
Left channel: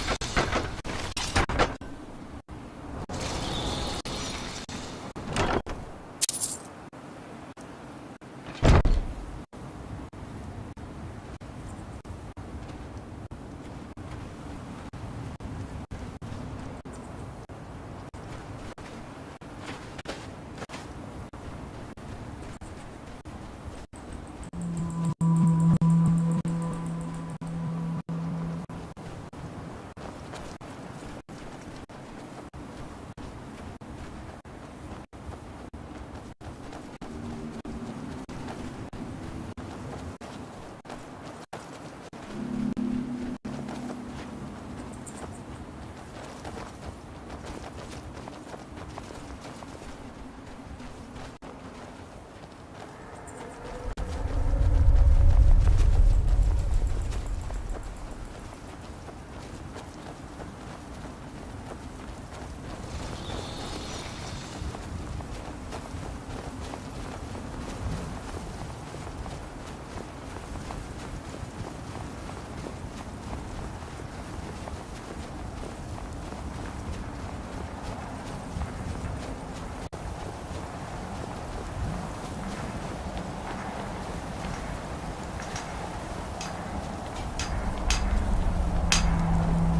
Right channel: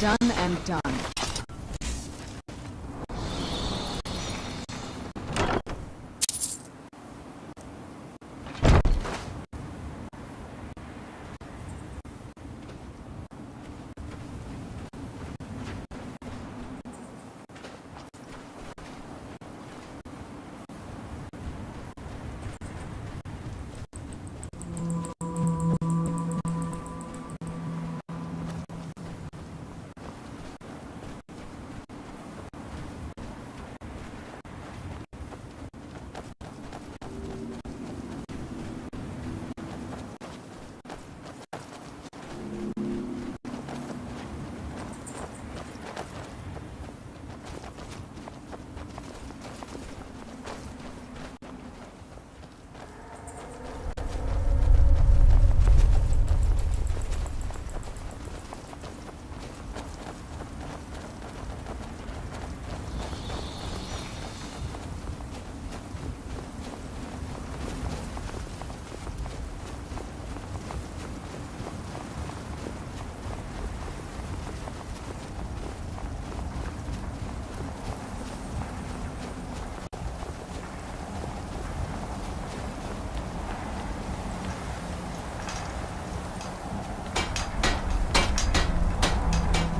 Done and done.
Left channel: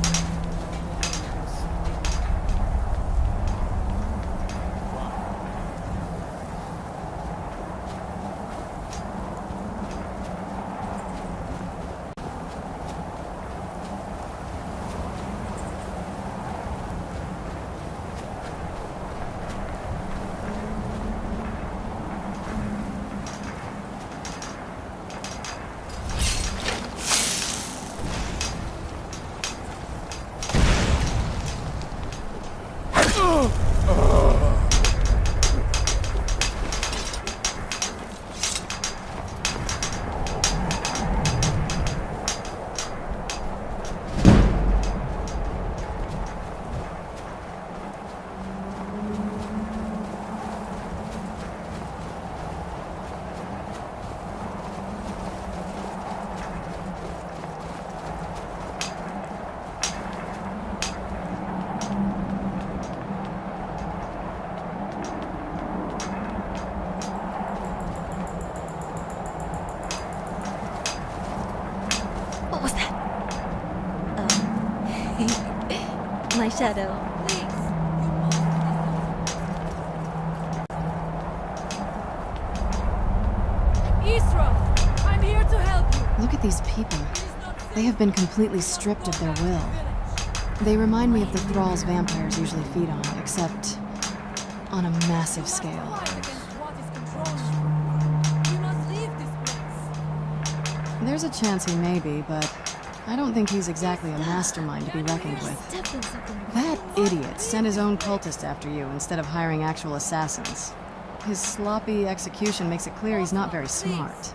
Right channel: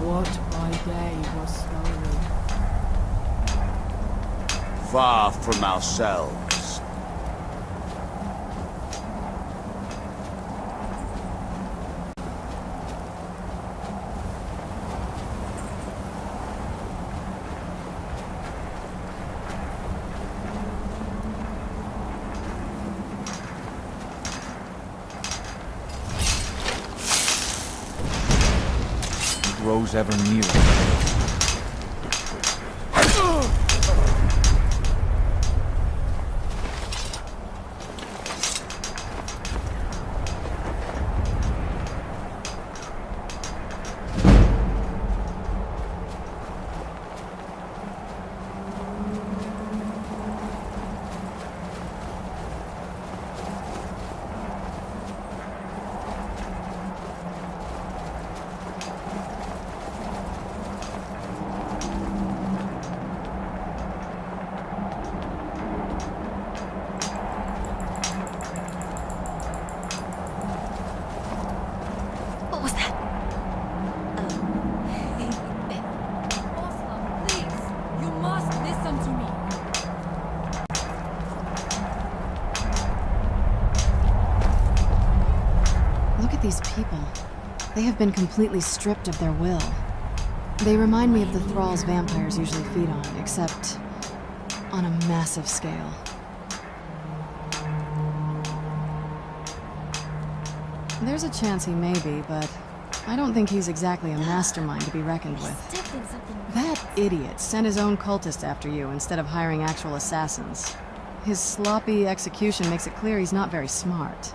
What by day was slowly. Far from ourselves. Grows ever nearer. What was that? Oh. My shadow. Please, you must listen to me. Isra, I'm here to help you. Look at these people. They have been completely stripped of their will. They remind me of the thralls vampires usually feed on, except on a massive scale. There's a chance he may be, but I don't think he's exactly a mastermind to be reckoned with. That idiot sent his own cultists after you instead of hiring actual assassins. His sloppy execution makes it clear he's not very smart.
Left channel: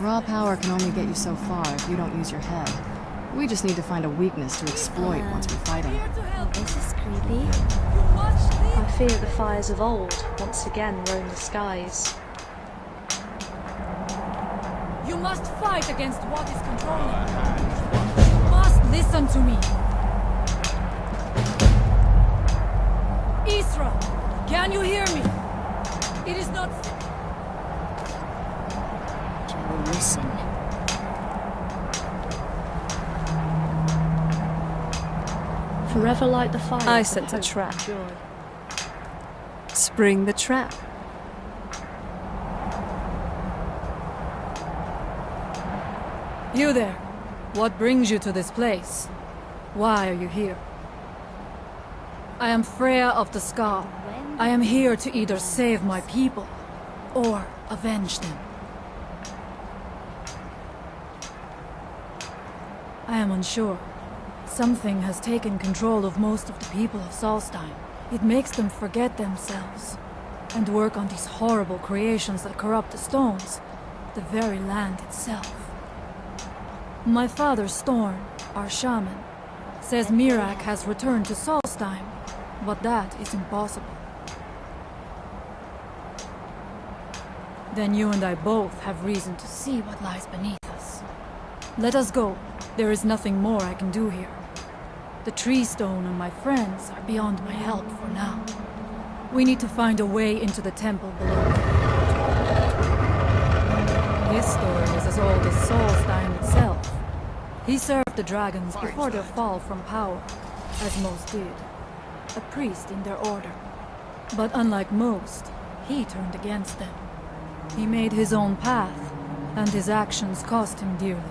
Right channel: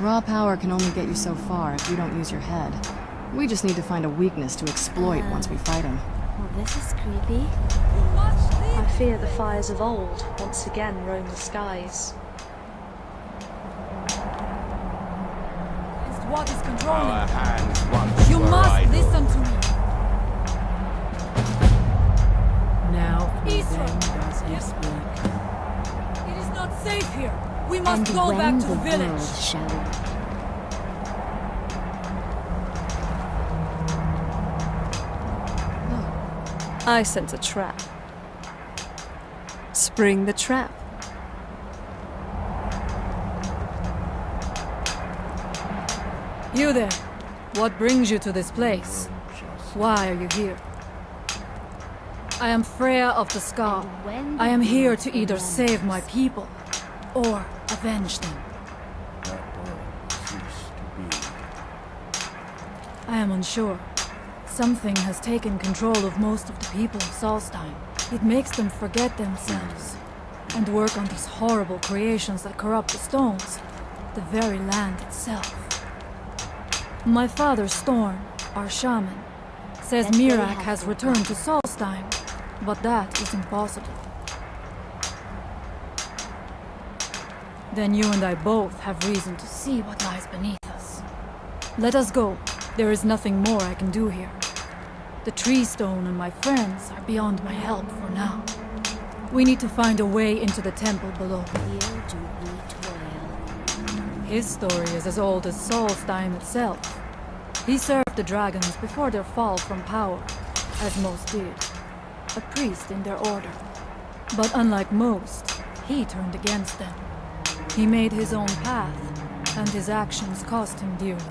Raw power can only get you so far if you don't use your head. We just need to find a weakness to exploit once we fight him. Oh, this is creepy. I fear the fires of old once again roam the skies. You must fight against what is controlling Our you. hands once You were must idle. listen to me. Now, Isra, can you hear me? It is not safe here. We must go back to the village. Shall listen. Forever light the fire. I sense a trap. Spring the trap. You there. What brings you to this place? Why are you here? I am Freya of the Scar. I am here to either save my people or avenge them. I am unsure. Something has taken control of most of the people of Solstheim. It makes them forget themselves and work on these horrible creations that corrupt the stones, the very land itself. My father, Storn, our shaman, says Mirak has returned to Solstheim, but that is impossible. Then you and I both have reason to see what lies beneath us. Let us go. There is nothing more I can do here. The tree stone and my friends are beyond my help for now. We need to find a way into the temple below. His story is as old as Solstheim itself. He served the dragons before their fall from power, as most did. A priest in their order. But unlike most, he turned against them. He made his own path, and his actions cost him dearly.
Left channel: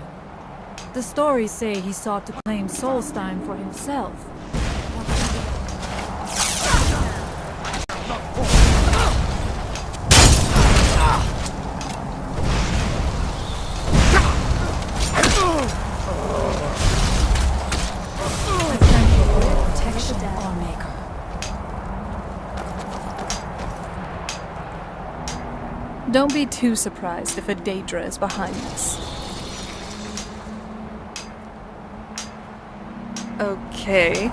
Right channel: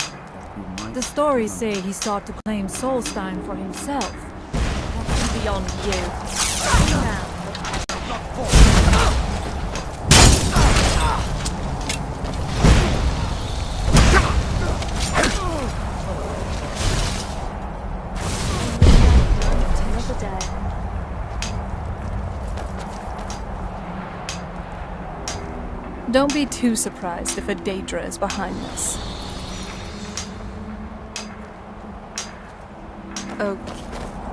The stories say he sought to claim Solstheim for himself. What's beyond you? Now. The dead. Don't be too surprised if a Daedra is behind this. Okay.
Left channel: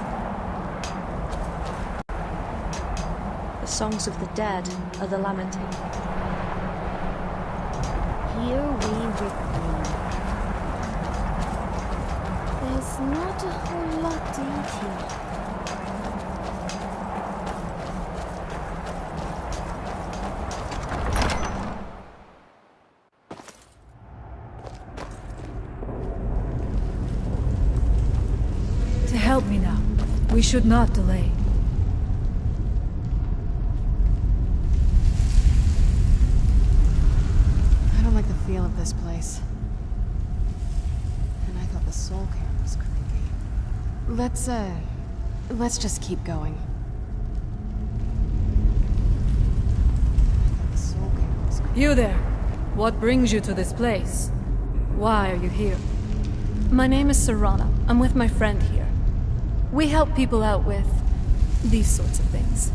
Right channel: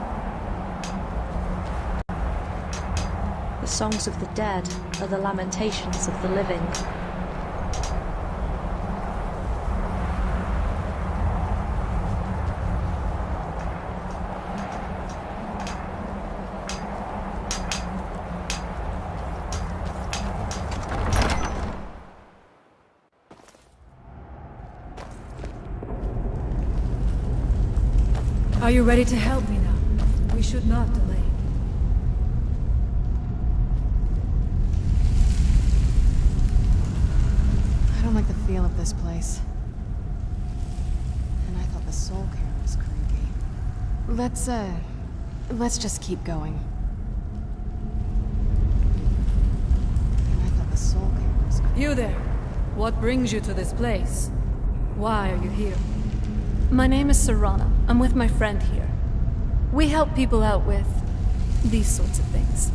The songs of the dead are the lamentations of the living. Here we return. There's not a whole lot in here. Are you ready to help me now? We should not delay. I don't like the feel of this place. And I thought the soul cairn was creepy. Let's just keep going. And I thought the soul cairn was creepy. You there! What brings you to this place? Why are you here? My name is Serana. I'm with my friend here. We help people out with these sorts of things.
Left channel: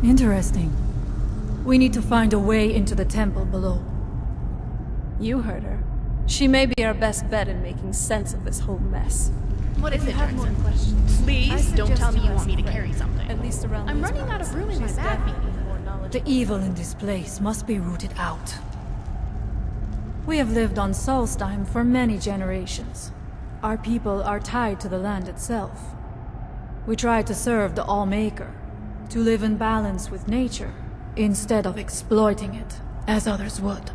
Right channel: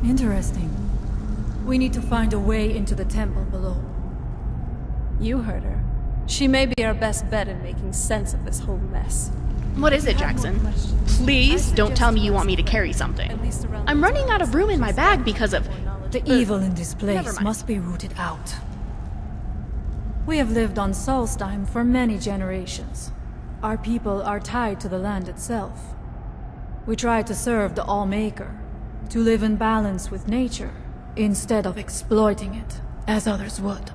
Interesting. We need to find a way into the temple below. You heard her. She may be our best bet in making sense of this whole mess. What is it, Jackson? Please don't tell me you want me to carry something. I'm running out of room in my bag because of... The evil in this place must be rooted out. We have lived on Solstheim for many generations. Our people are tied to the land itself. We try to serve the Allmaker, to live in balance with nature, instead of exploiting it, as others would.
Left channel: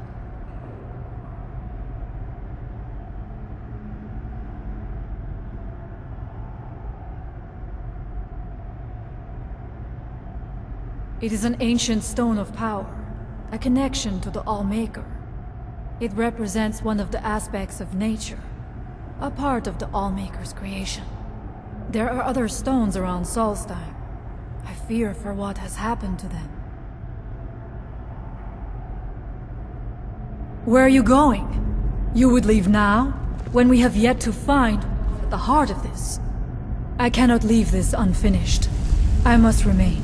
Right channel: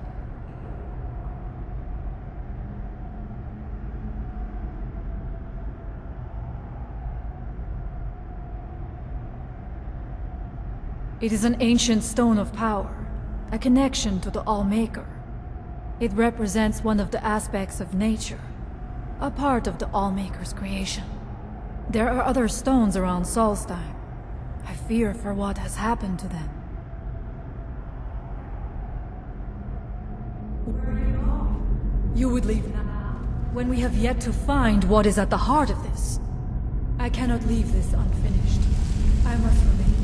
It is an ancient stone of power, a connection to the Allmaker. It represents one of the aspects of nature, a part of the Allmaker's creation. There are other stones around Solstheim. I fear for what has happened to them. Where are you going? You would leave now, when we have yet to find what is at the heart of this? I cannot leave this unfinished. I must remain.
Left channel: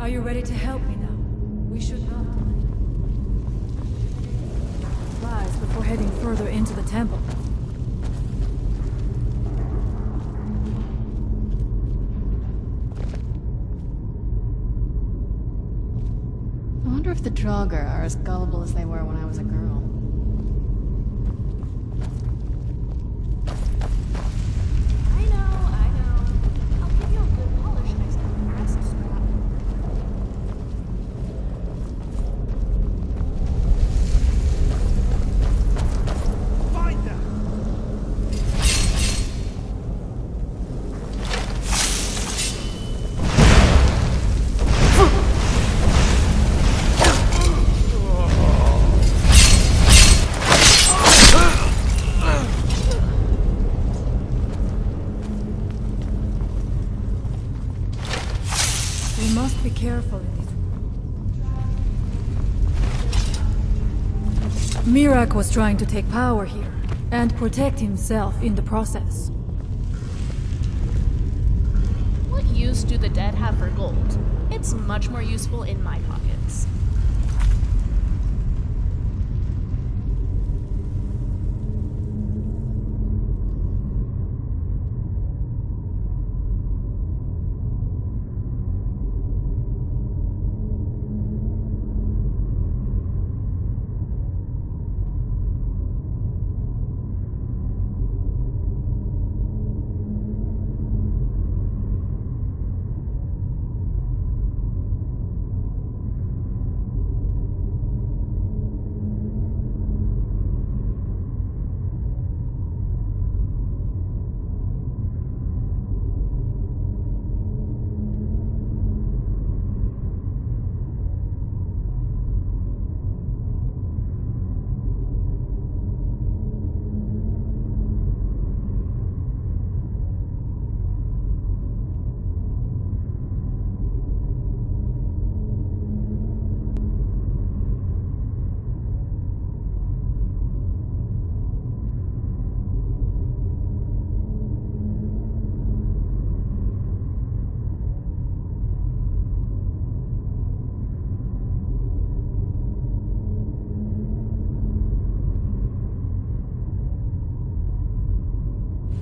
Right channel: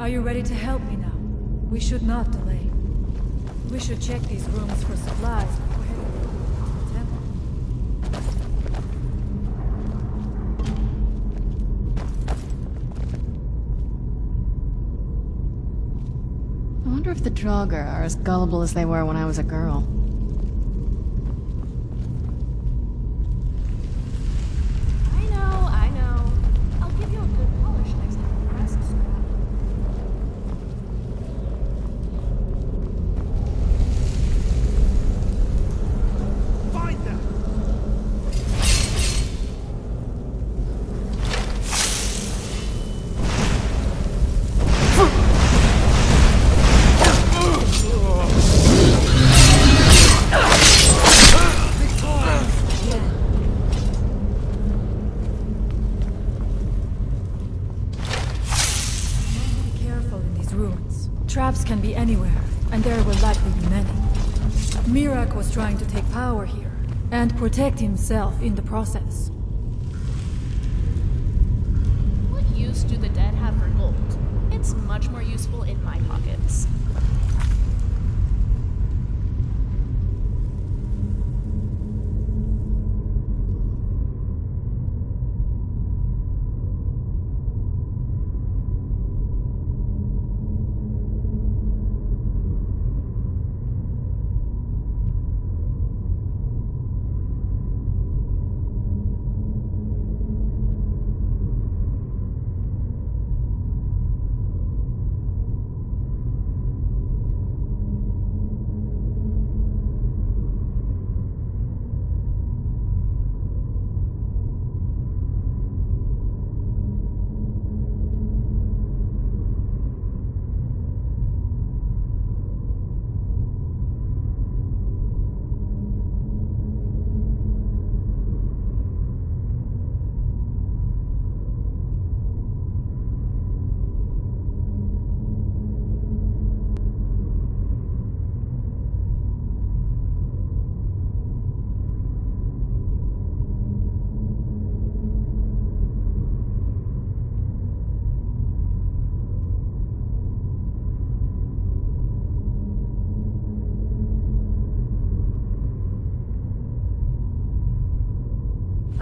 Are you ready to help me now? We should not delay. We should check these rooms for supplies before heading further into the temple. I wonder if the Draugr are as gullible as they were when I was a girl. I know. I'll give you a good polish next time you rest, Scrap. Find them! We must be careful in these ruins. Traps can be anywhere, and there will likely be many. Miraak was trying to take power here, and protect himself in the process. What use do the dead have for gold? It's much more useful in my pockets.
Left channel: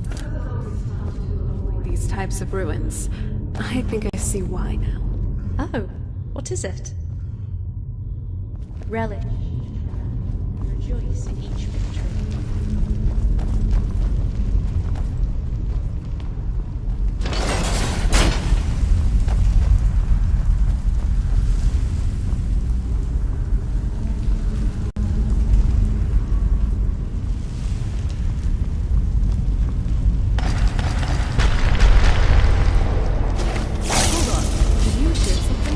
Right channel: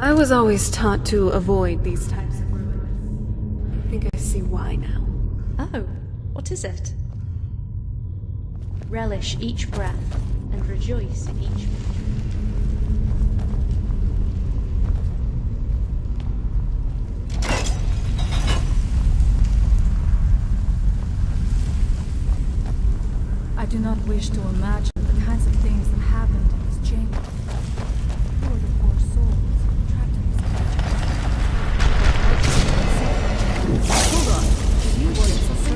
I was always taught to avoid these types of ruins. I think I see why now. Oh, What is it? Relish each breath and rejoice in each victory. I do not wish to imagine the kinds of things that happened in this chamber. Hold on. Did you hear something?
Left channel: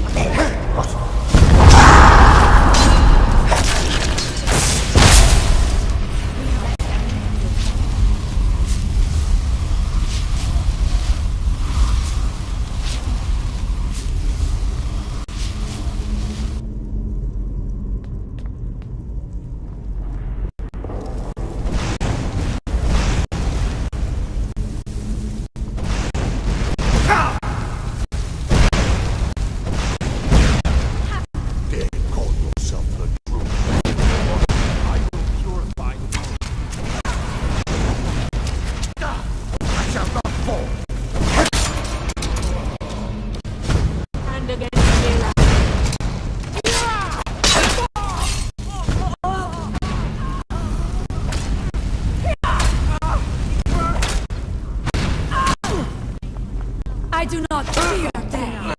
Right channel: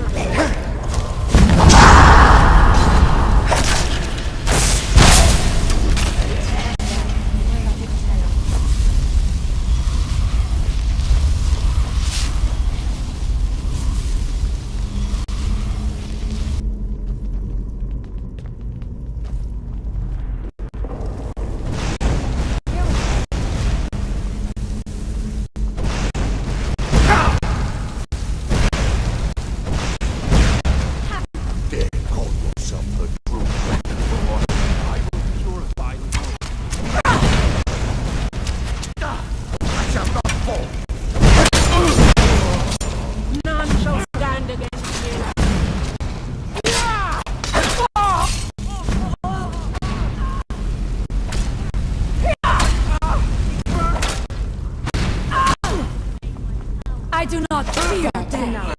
I do not fear death.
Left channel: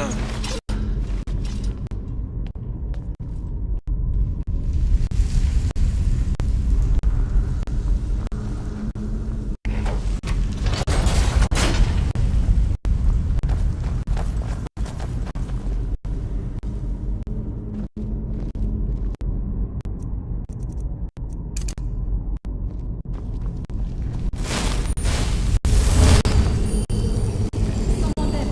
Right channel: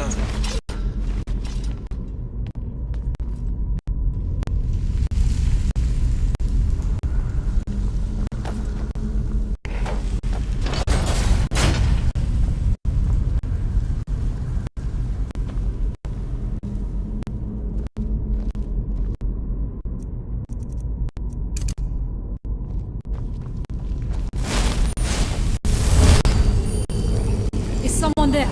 Is someone there?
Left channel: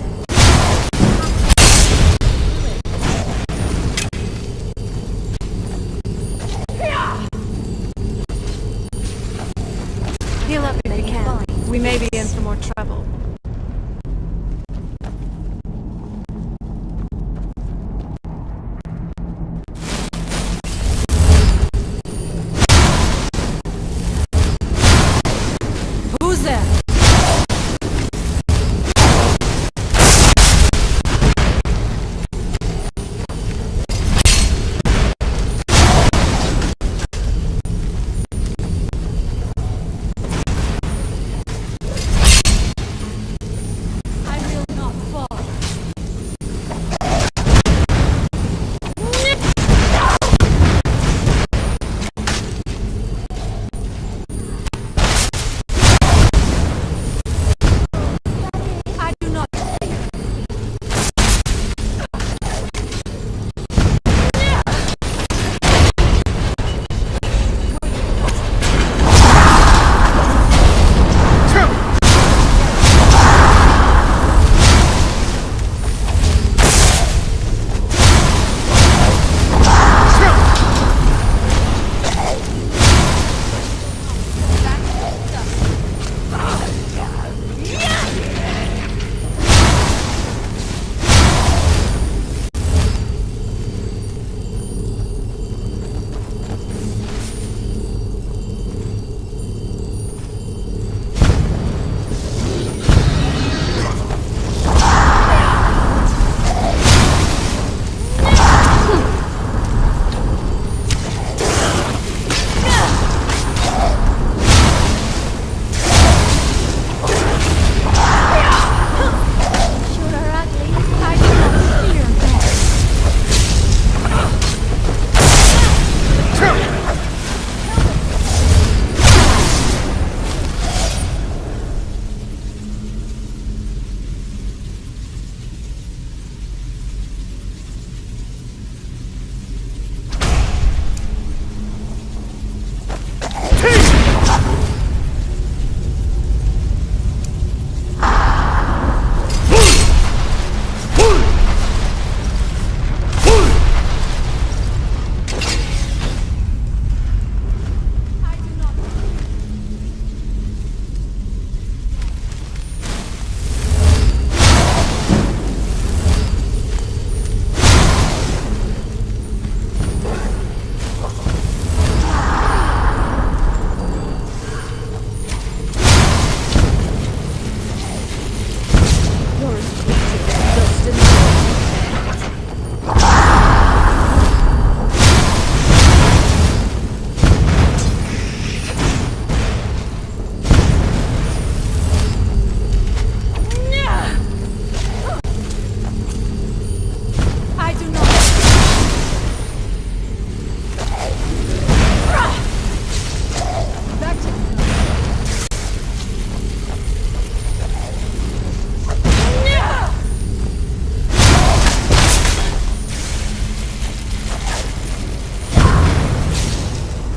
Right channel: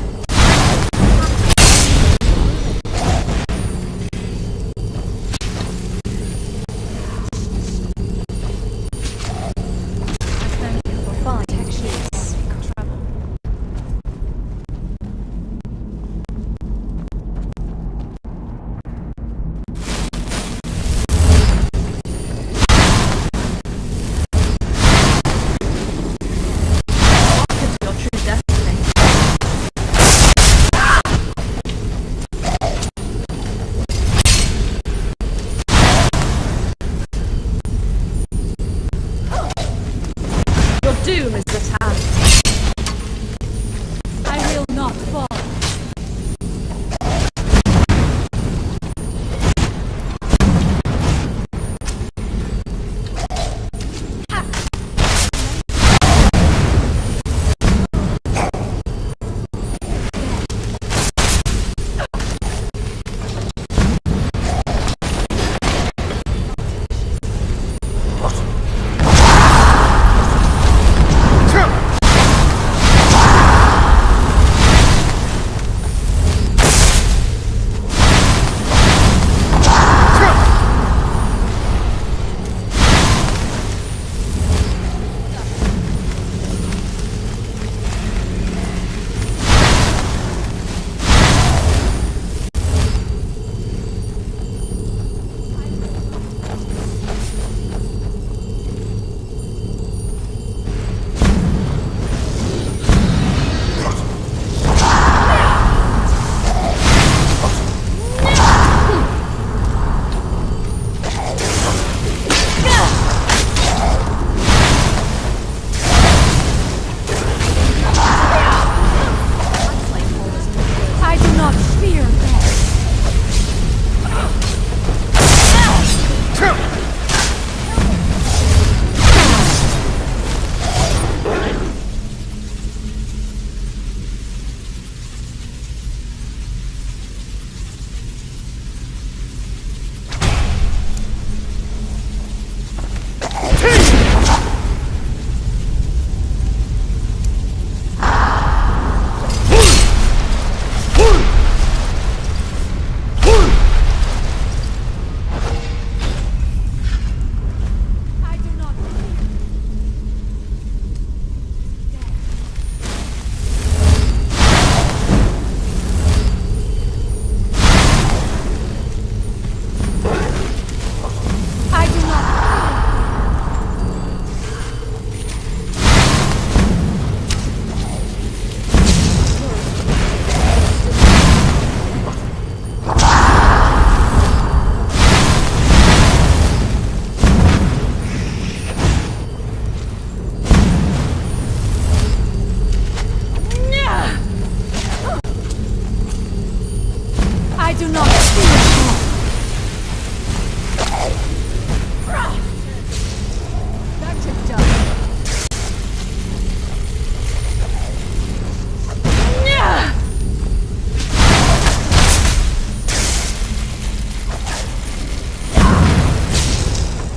Back to the dust.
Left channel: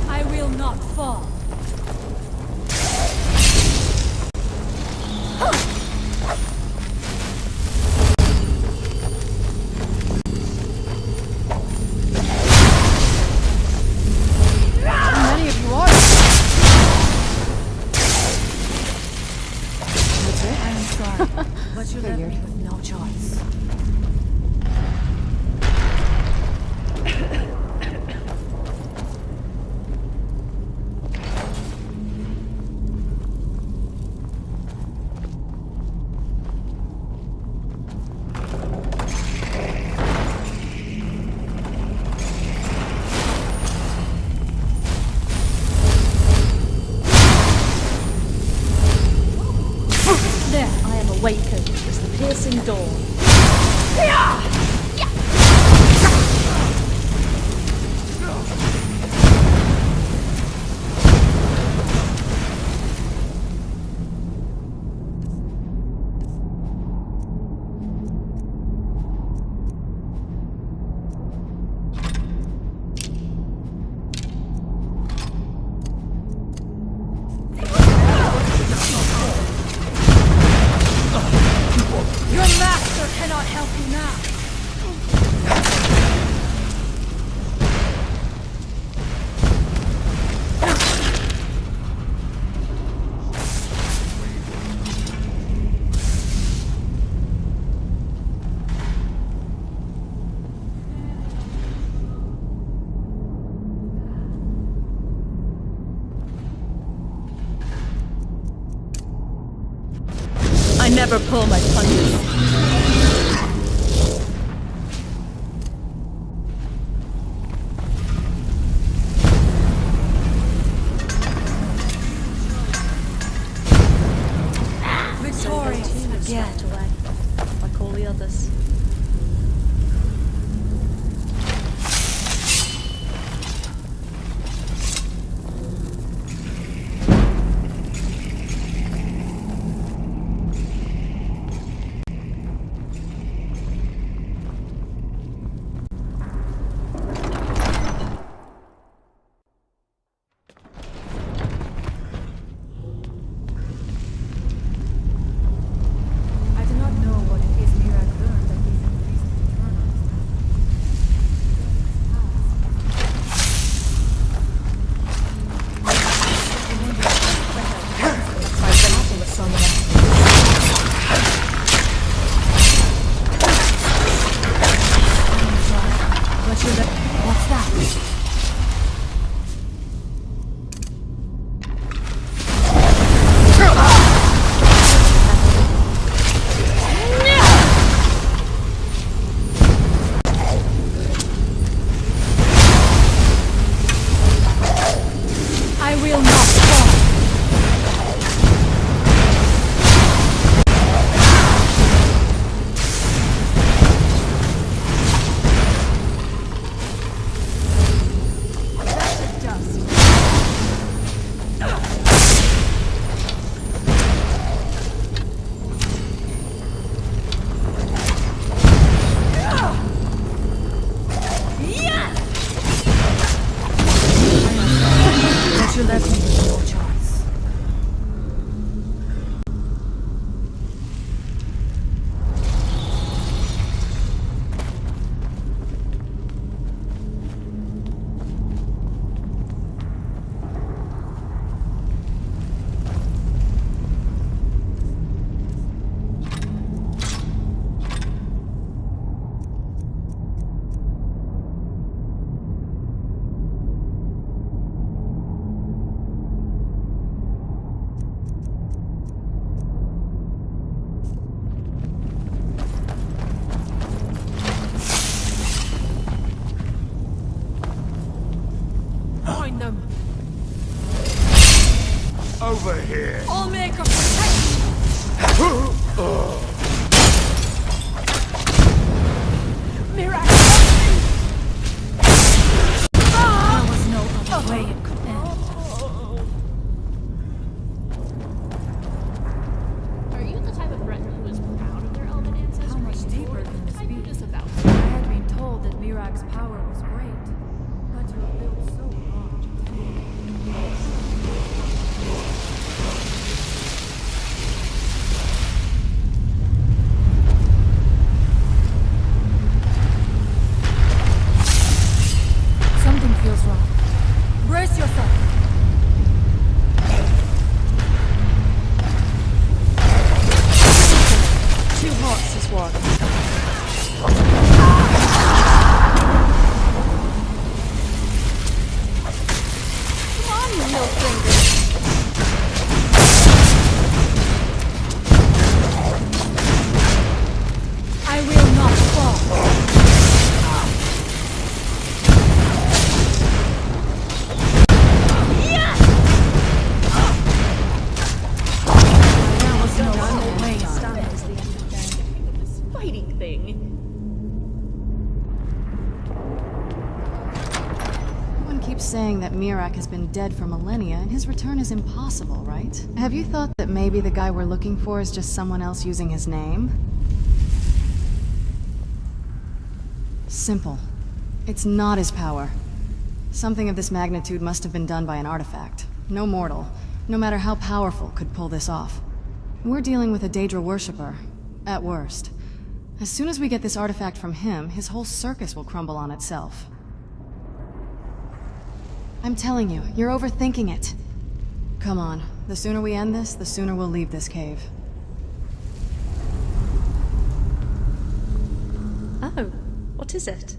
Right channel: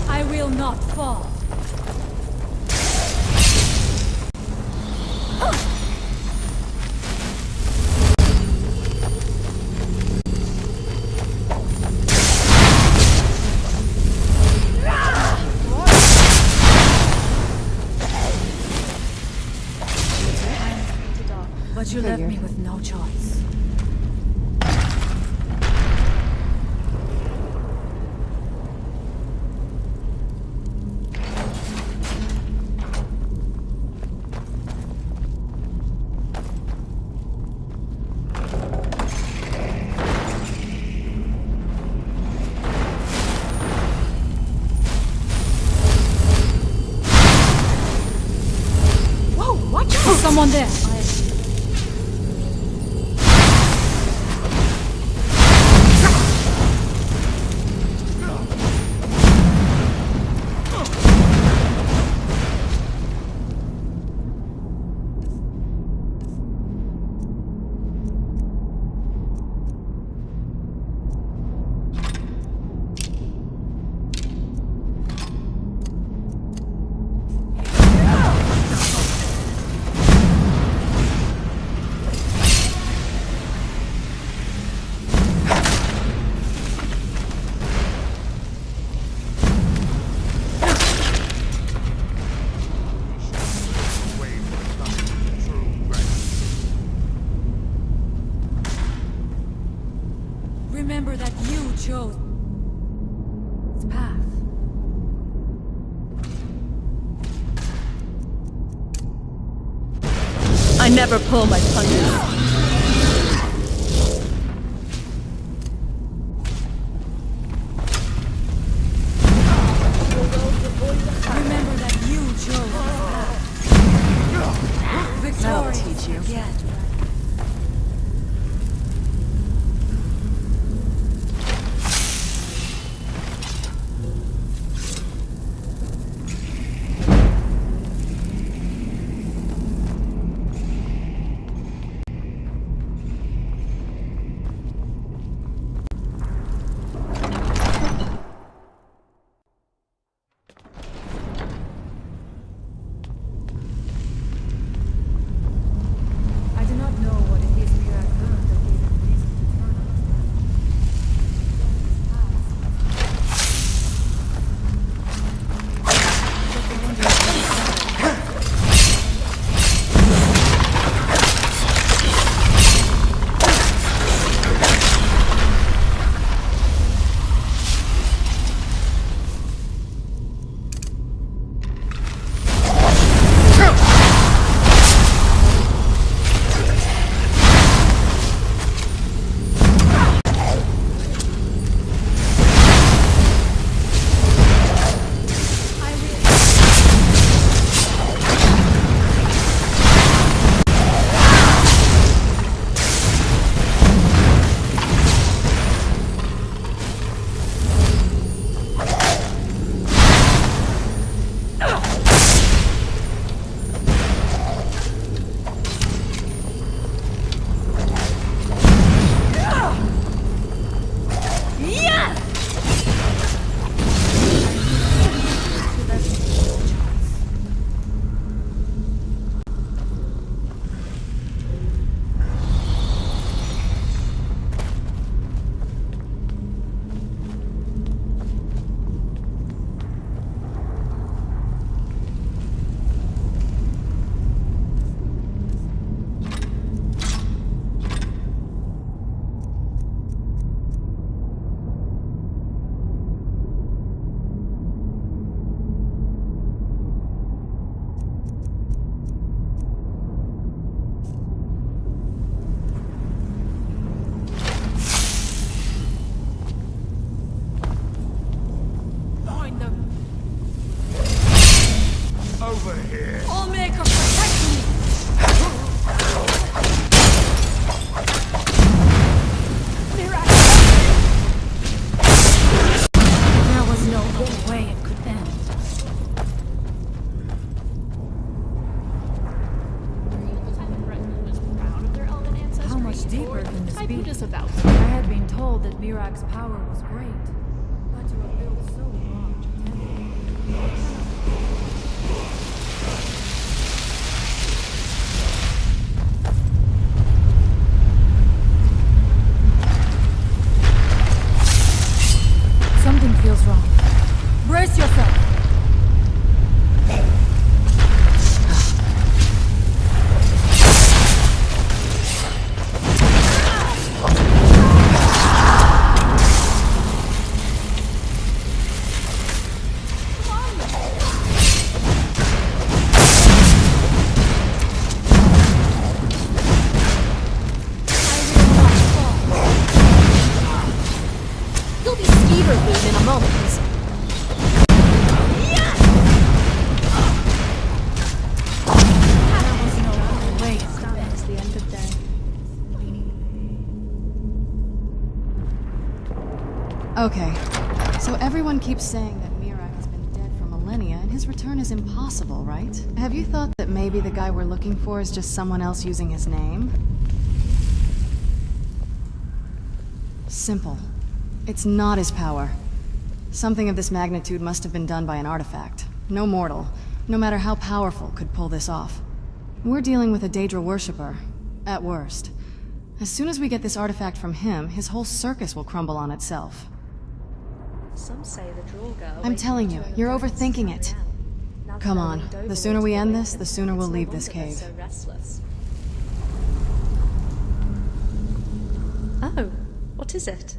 I will not fall. How many of you are? I am sorry, but you left me with no choice. Someone there. I am awakened. It's the piercing dawn. Remember that you chose this path. I never pull my punches. Remember that you chose this path. Victorious again. Like all the others. I do not know what it is Mirak learned that gave him reason to turn on his What's that? I will not fall. But you left me with no choice. Find them. Over here. Allmaker, protect me! Mirak! way it could end. Are you the type of Breton who is proud of their elven ancestry? How much deeper or can the this type be? who disavows I it? had been told that Mirak's power was great, but to have built so large a temple. Something feels wrong. Brace yourself! I will not fall. You'll be feverful in a moment. There was no other way on. Stand is the end of day. This fighting thing. Okay, so everyone keeps saying that Mirak has been dead for millennia and his return is impossible, right? Have you thought that maybe the guy we're looking for is just someone else using his name? Simple. It's not his power. Something of this magnitude must have been done by an artifact. No mortal, no matter how powerful, could pull this off. We're dealing with a Daedra worshipper, at worst. As soon as we get this artifact from him, his whole circus will crumble on itself. Some say the Draugr I'm telling you, you're overthinking it. Come on, the sooner we end this, the sooner we'll leave this cave. so restless. Oh, what is it?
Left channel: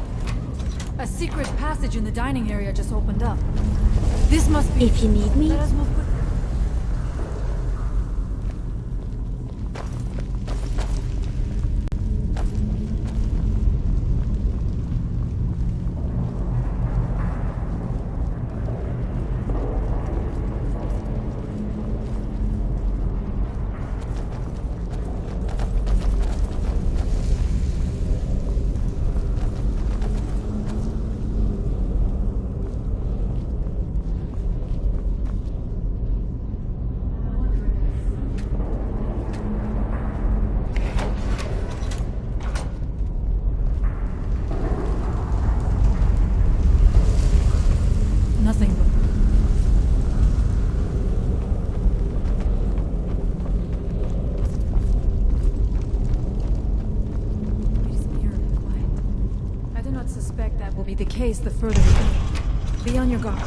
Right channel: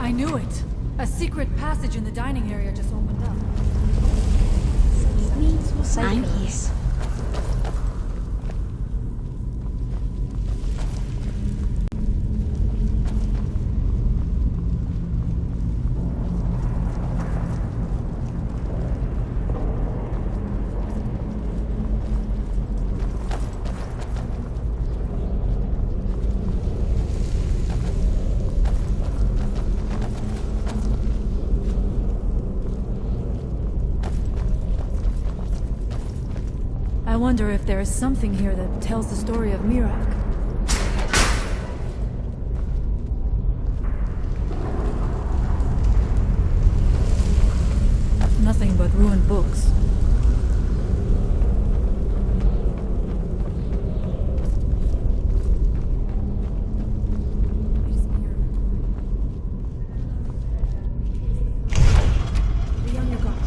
I knew it. A secret passage in the dining area just opened up. This must be. If you need me, Phantasmal I'm here. Cycles. I wonder if there is something here that tells the story of Mirak. Nothing but ruined books. It is eerily quiet. I do not suspect that will be the case the further we go. Be on your guard.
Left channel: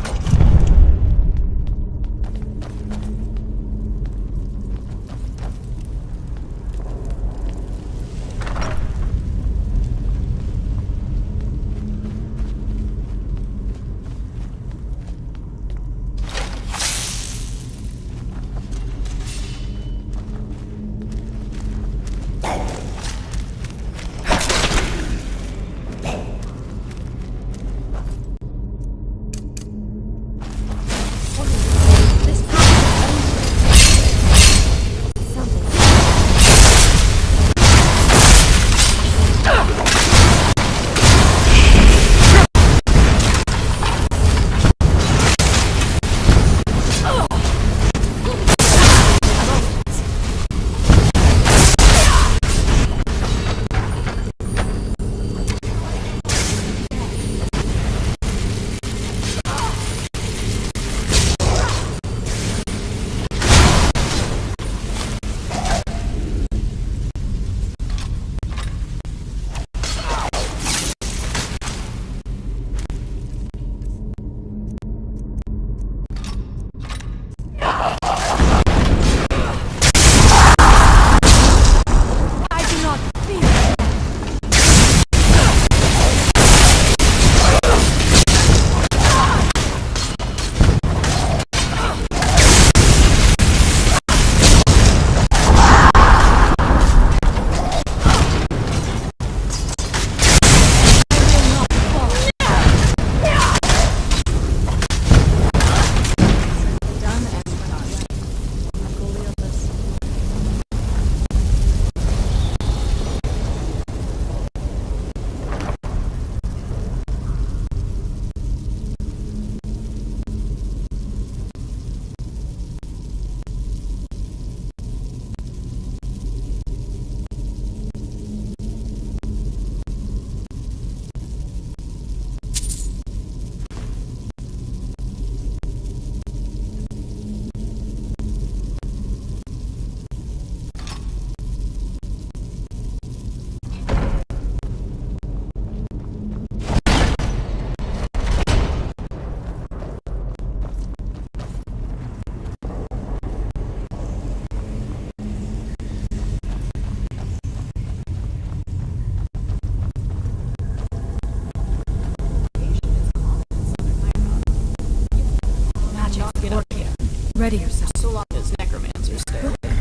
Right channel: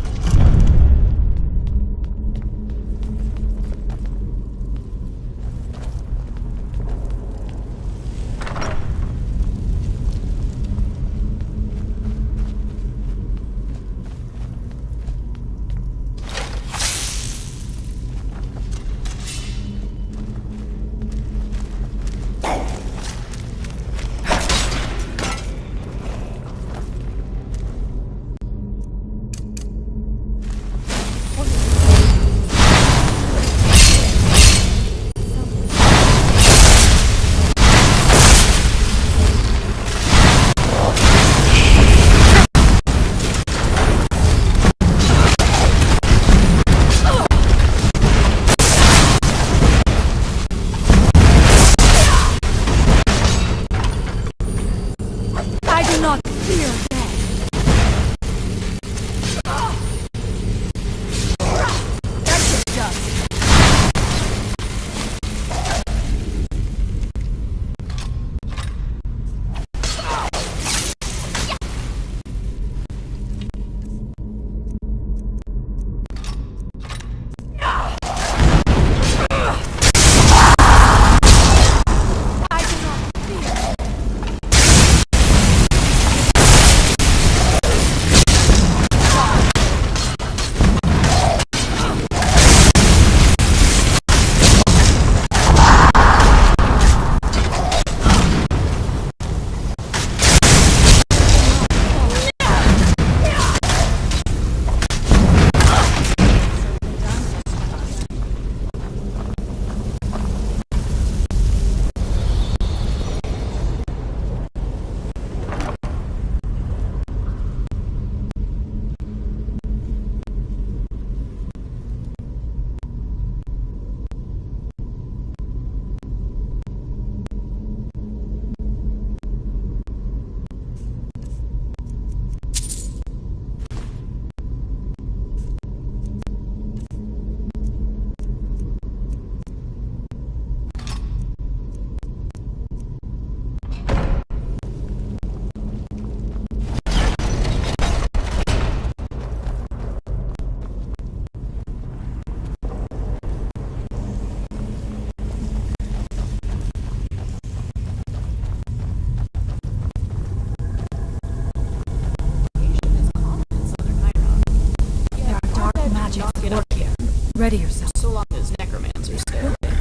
magic Knock it work up. here. Ready yourself. So long as necromancers stay away.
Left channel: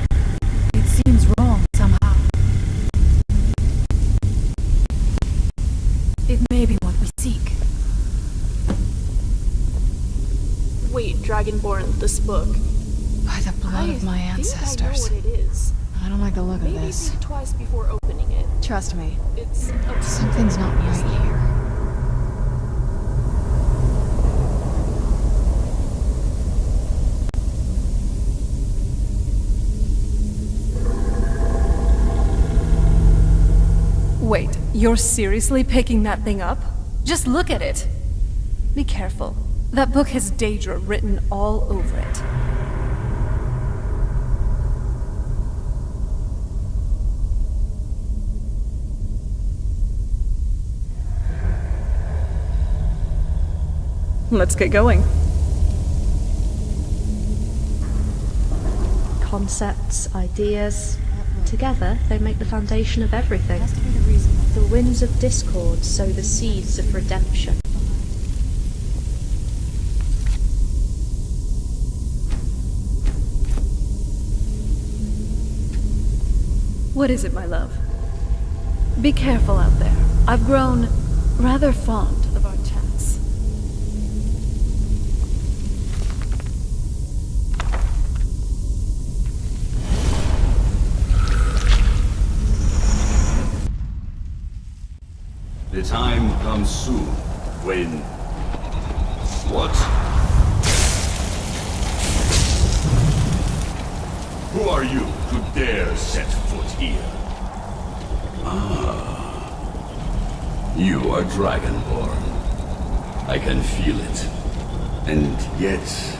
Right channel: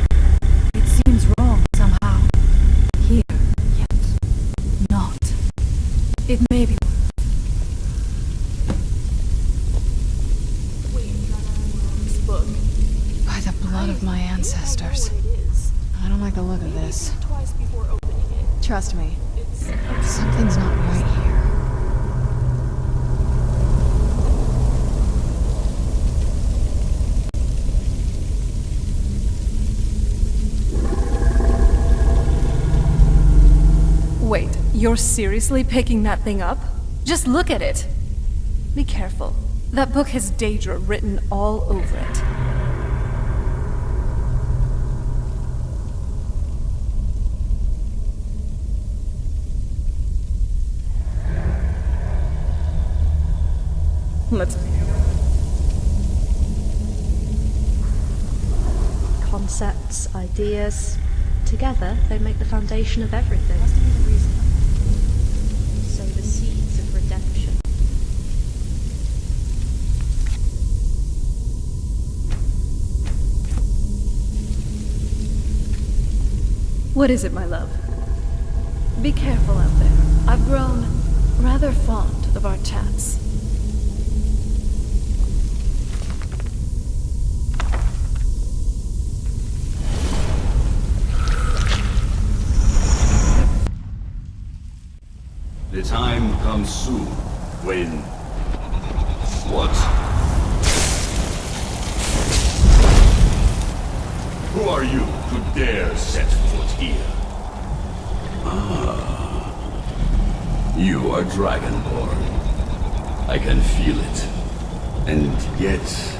It seems wrong somehow. Here, yet not. It may be what we seek. Wait, Dragonborn, this book. By the blood of my ancestors. I know what it is. I don't like the look of Maybe this. think twice before opening it. Trust me, It's something's not right here. Wait, you're seriously picking that thing up? Just look at it. Be careful. That book has Daedra written all over it. Let's get going. Concepts, ideas. Together, they make the foundation of everything. Has to be the reason. The winds of discord sow the seeds of redemption. What is it, my love? Be careful out there. I've grown rather fond of our chats. The time comes soon when... What? Who are you to dare set foot here? Ah. You are Dragonborn. I can feel it. And yet...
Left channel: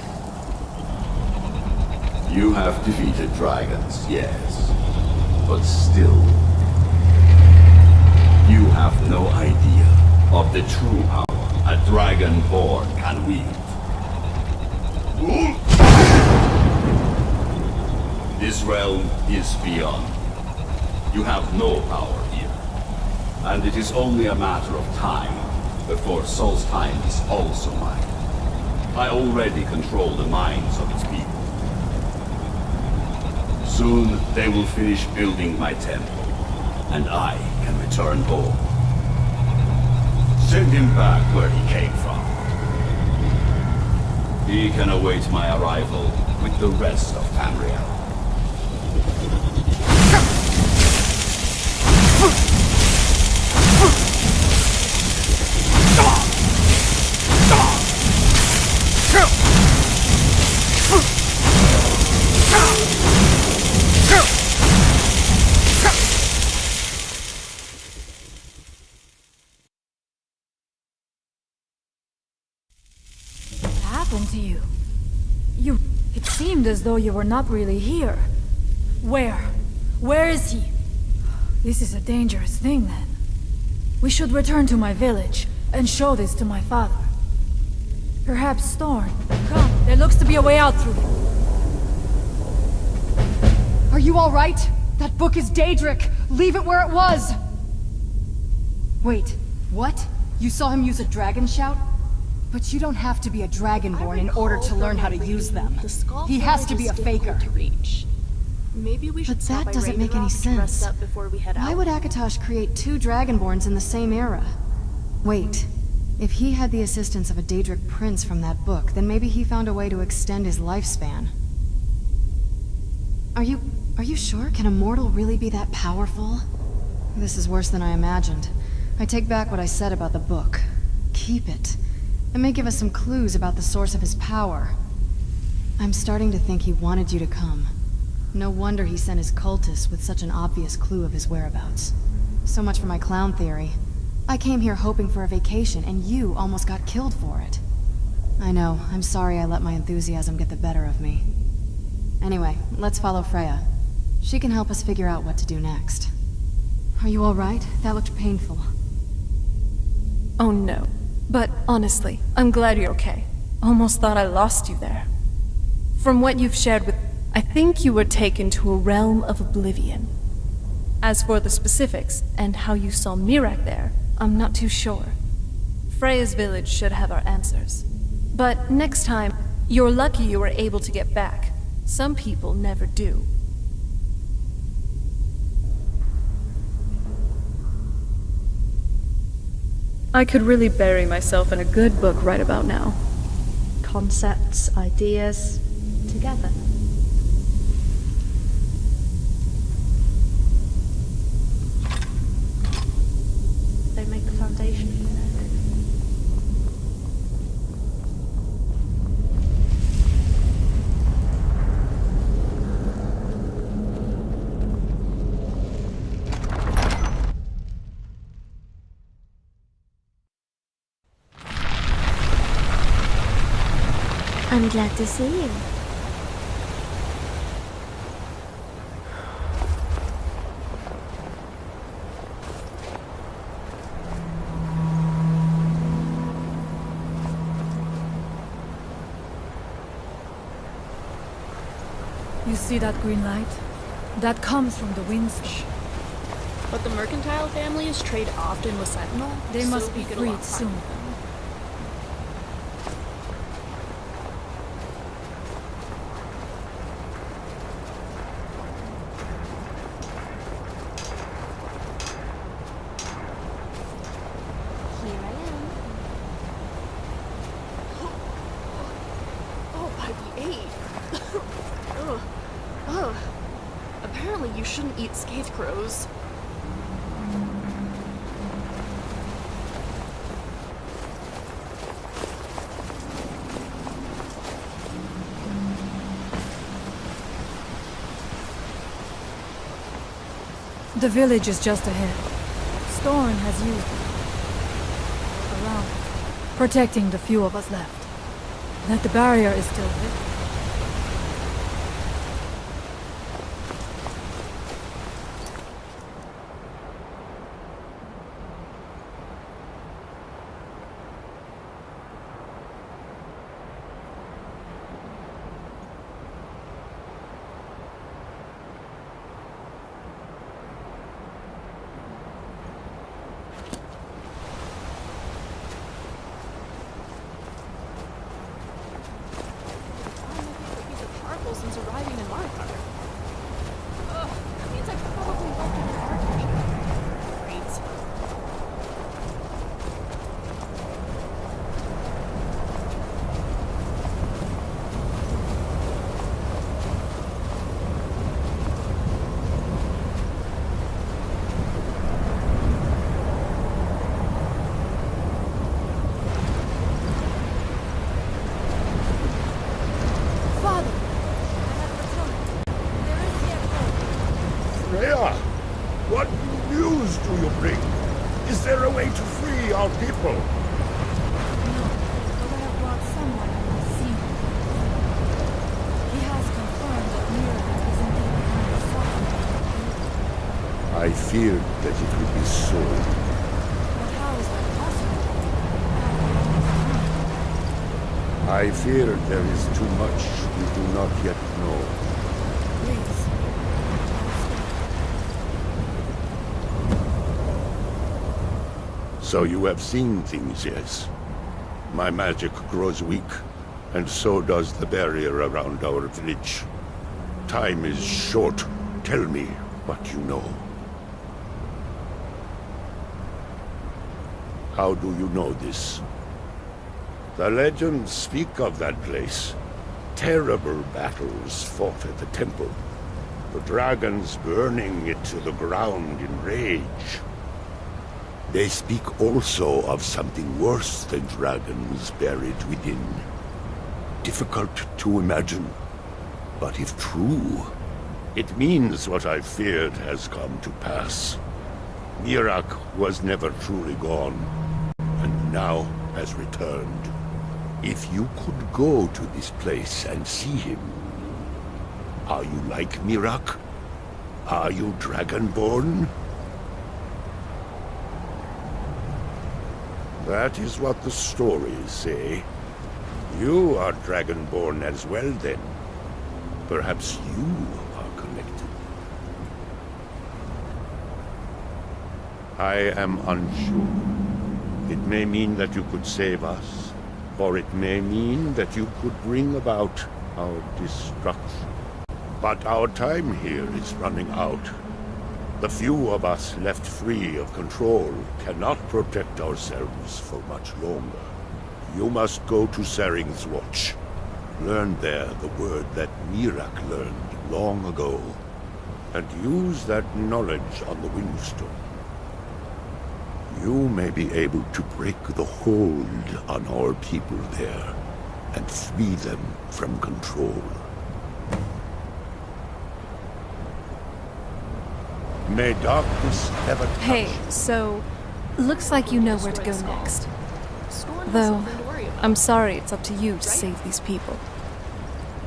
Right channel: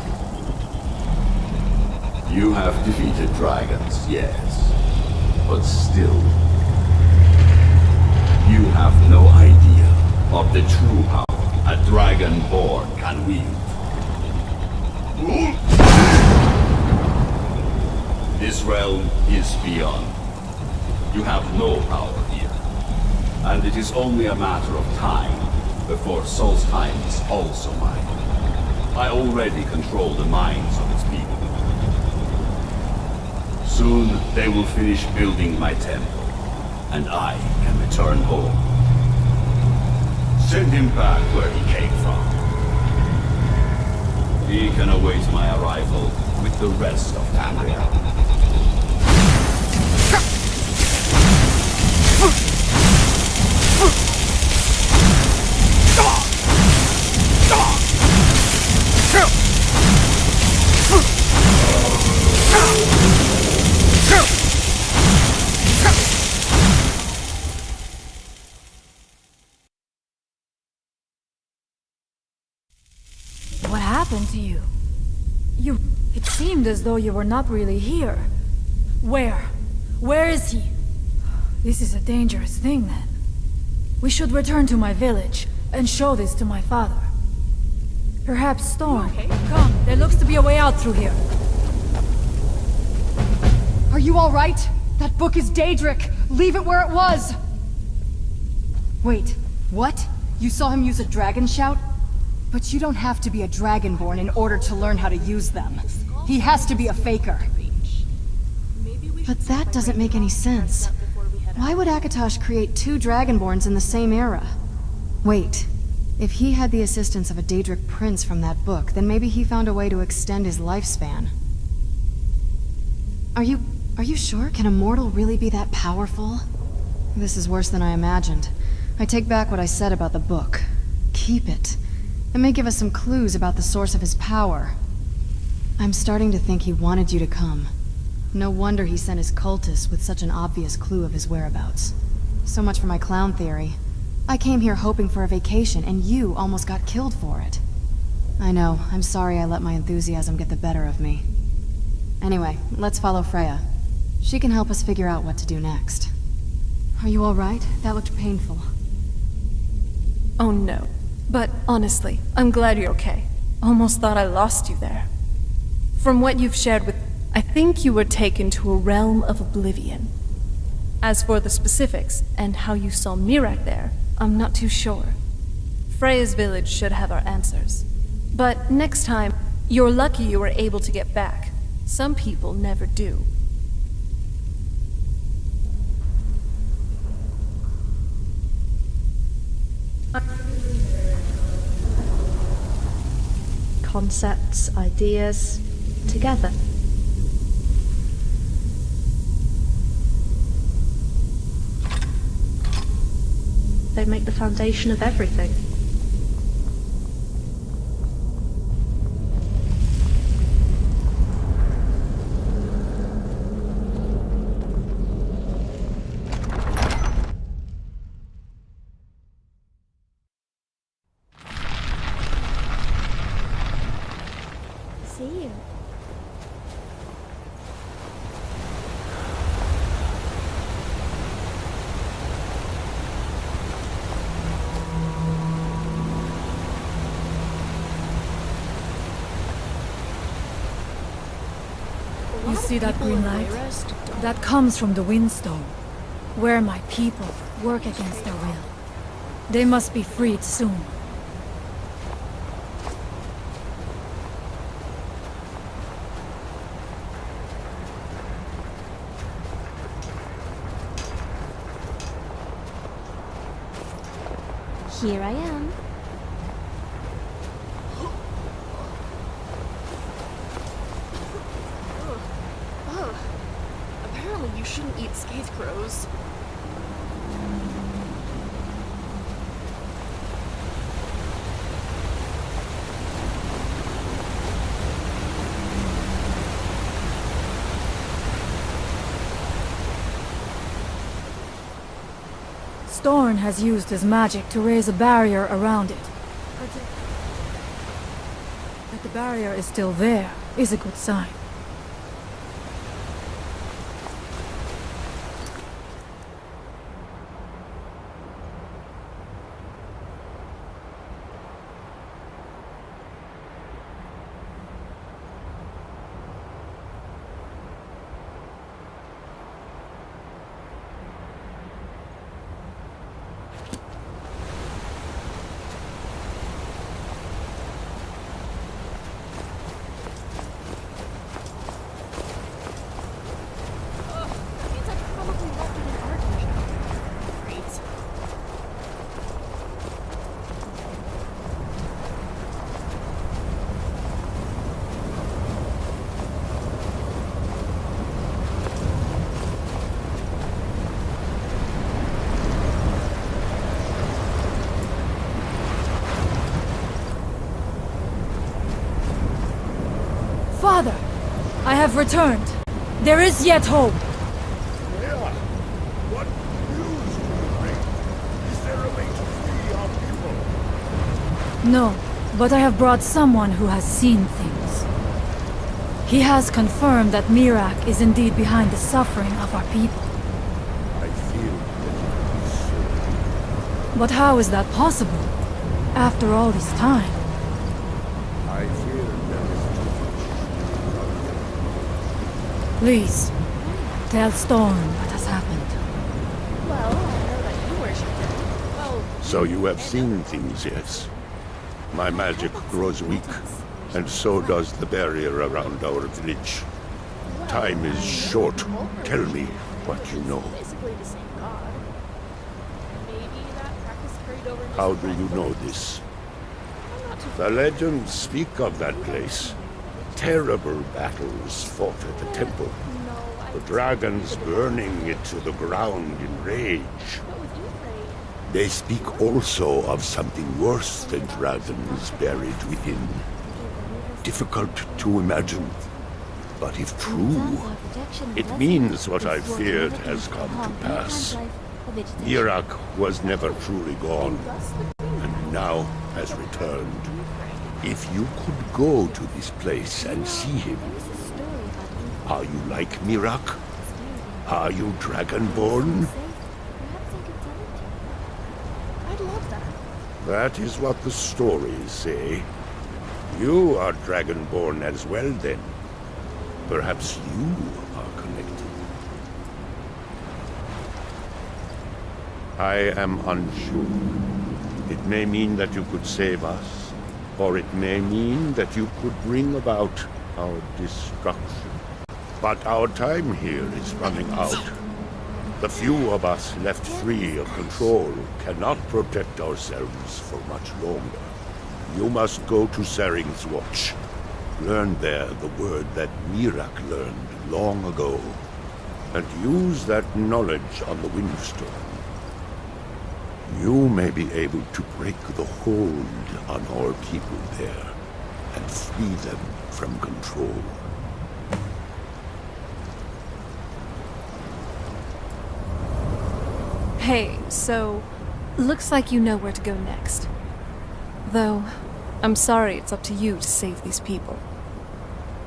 You have defeated dragons, yes. But still... You have no idea of the true power a Dragonborn can wield. This realm is beyond. You have no power here. And it is only a matter of time before Solstheim is also mine. I already control the minds of its people. Soon they will finish building my temple. And I can return home. Send him back where he came from. He can await my arrival with the rest of Tamriel. What happened to you? It seemed as though you were not really here. Where? Where is he? This is a dangerous thing, then. We should return to my village and show this to my father. Perhaps Storm. Come, there looks to be a way out through here. Are you all right? That book is Daedric. Leave it where it was. Wait, what? You saw him use a dragon shout? But you don't have to be a Dragonborn in order to learn how to use them. He has to be a faker. But that doesn't make any sense. Why would Akatosh create two Dragonborns in the same era? Wait, if he had the assistance of a Daedric prince from that book, then maybe he found a way to extend his lifespan. Are you sure? Can a mortal really be that powerful? This is worse than I imagined. I take back what I said about the book. Keep it. It may give us some clues about the source of his power. I'm starting to think he wanted you to come. No wonder he sent his cultists with such an obvious clue of his whereabouts. So much for my clown theory. I came here hoping for a vacation, and you almost got killed for it. I know, I'm sorry I let my enthusiasm get the better of me. Anyway, let's follow Freya. She can help us figure out what to do next. Are you alright? That looked painful. Oh no. But honestly, I'm glad you're okay. Almost thought I lost you there. From what you've shared with... I think you were taken to a realm of oblivion. As for the specifics, and how you saw Miraak there, I'm not too sure. Freya's village should have our answers. But next time, You're lucky you were able to get back. Some people never do. I could really bury myself in a good book right about now. Concepts, ideas, together. They make the foundation of everything. I'm glad to see you. You see that green light? That comes from the Windstone, where my The people mercantile work families against trade them. often with Sentinel. They so must be we get a freed lot soon. from them. Here I am. Ugh. Ugh. Apparently you shouldn't eat scarecrows. The village is just ahead. Storn has used his magic to raise a barrier around it, protecting the few of us left. That the barrier is still there is a good sign. That means I probably left it in Arctic. Great. Father, I have returned. There is yet hope. Freya, what news do you bring? Is there a way to free our people? No, but I have brought someone who has seen things. He has confirmed that Mirak is indeed behind the suffering of our people. I feared that it would be so. But how is that possible? After all this time? I fear there is too much we do not yet know. Please, tell Storm what has happened. So you have seen things, yes? My magic grows weak, and so does the barrier around our village. Time is short. Tell me what you know. How do you know this? The legends speak of that place. Terrible battles fought at the temple. The dragons burning it to the ground in rage. They speak also of something worse than dragons buried within. Difficult to imagine, but if true, it means what I feared has come to pass. Mirak was never truly gone, and now has returned. If you could go to this place and see him, are you like Mirak? Are you Dragonborn? That is what the stories say. You are Dragonborn as well, then. Perhaps you are connected. I am unsure. It may mean that you could save us, or it may mean that you could bring about our destruction. But our time here is running out. The few of us left free of control cannot protect ourselves for much longer. You must go to Saring's Watch. Learn there the word that Miraak learned long ago, and use that knowledge on the Windstone. You may be able to break the hold on our people there, and free them from control. May darkness ever... Hey, so... looks like you know where to go next. Though, I'm sorry it's up to you to save these people.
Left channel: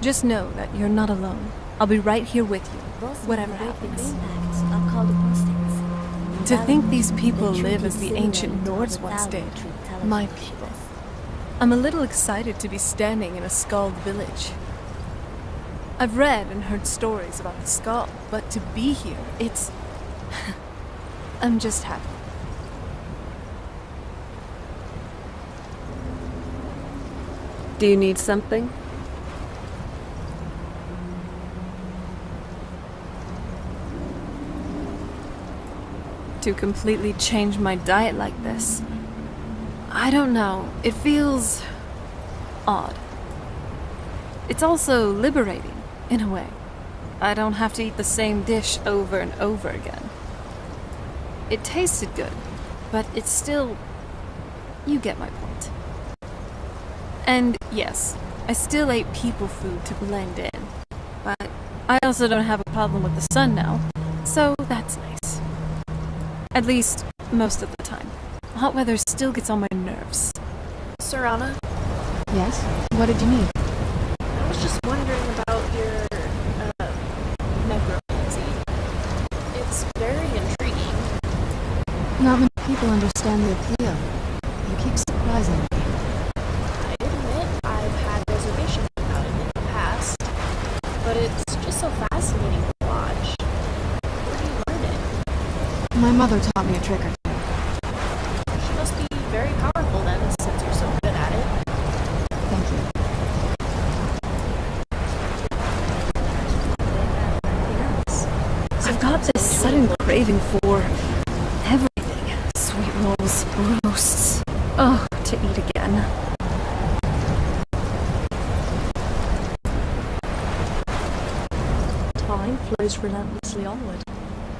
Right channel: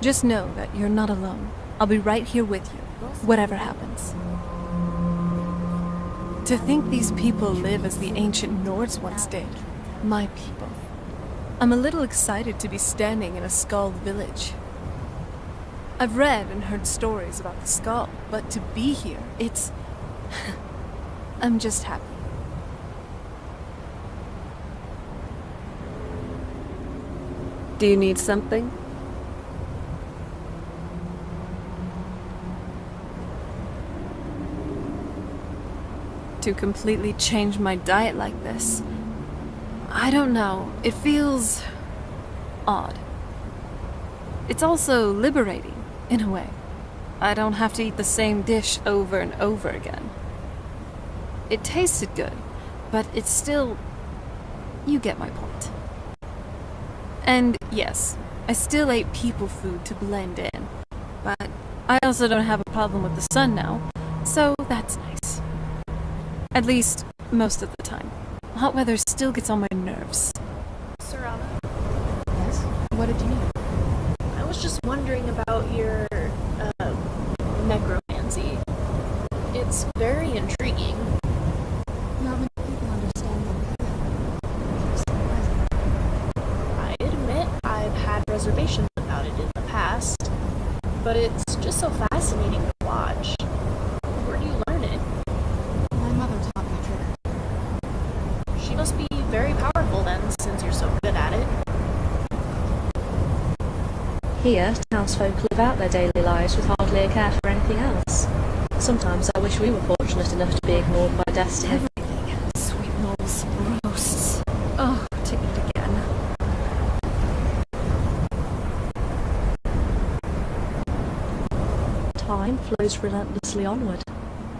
Just know that you're not alone. I'll be right here with you, whatever happens. To think these people live as the ancient Nords once did. My people. I'm a little excited to be standing in a Skald village. I've read and heard stories about the Skald, but to be here, it's... I'm just happy. Do you need something? To completely change my diet like this. I don't know. It feels... odd. It's also liberating, in a way. I don't have to eat the same dish over and over again. It tasted good, but it's still... you get my point. And yes, I still ate people food to blend in. But I also don't have a problem with the sun now, so that's nice. At least, most of the time. Hot weather still gets on my nerves. Serana? Yes? What did you need? I was just wondering about your, necromancy. It's very intriguing. Not many people understand the appeal. You keep surprising me. I admit I've had reservations about it in the past, but it's just so fascinating to watch. Where do you learn it? My mother taught me a trick or two. She must be very powerful then, since you're so good at it. Thank you. Here, townsfolk live out their daily lives with hardly a care for anything else. Sometimes I wish we were fortunate enough to be ignored by destiny. Everything. Sweet rolls, roasts. Oh, to eat again. Time flows relentlessly onward.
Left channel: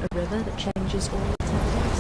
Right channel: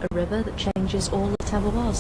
A river that changes all that ever was.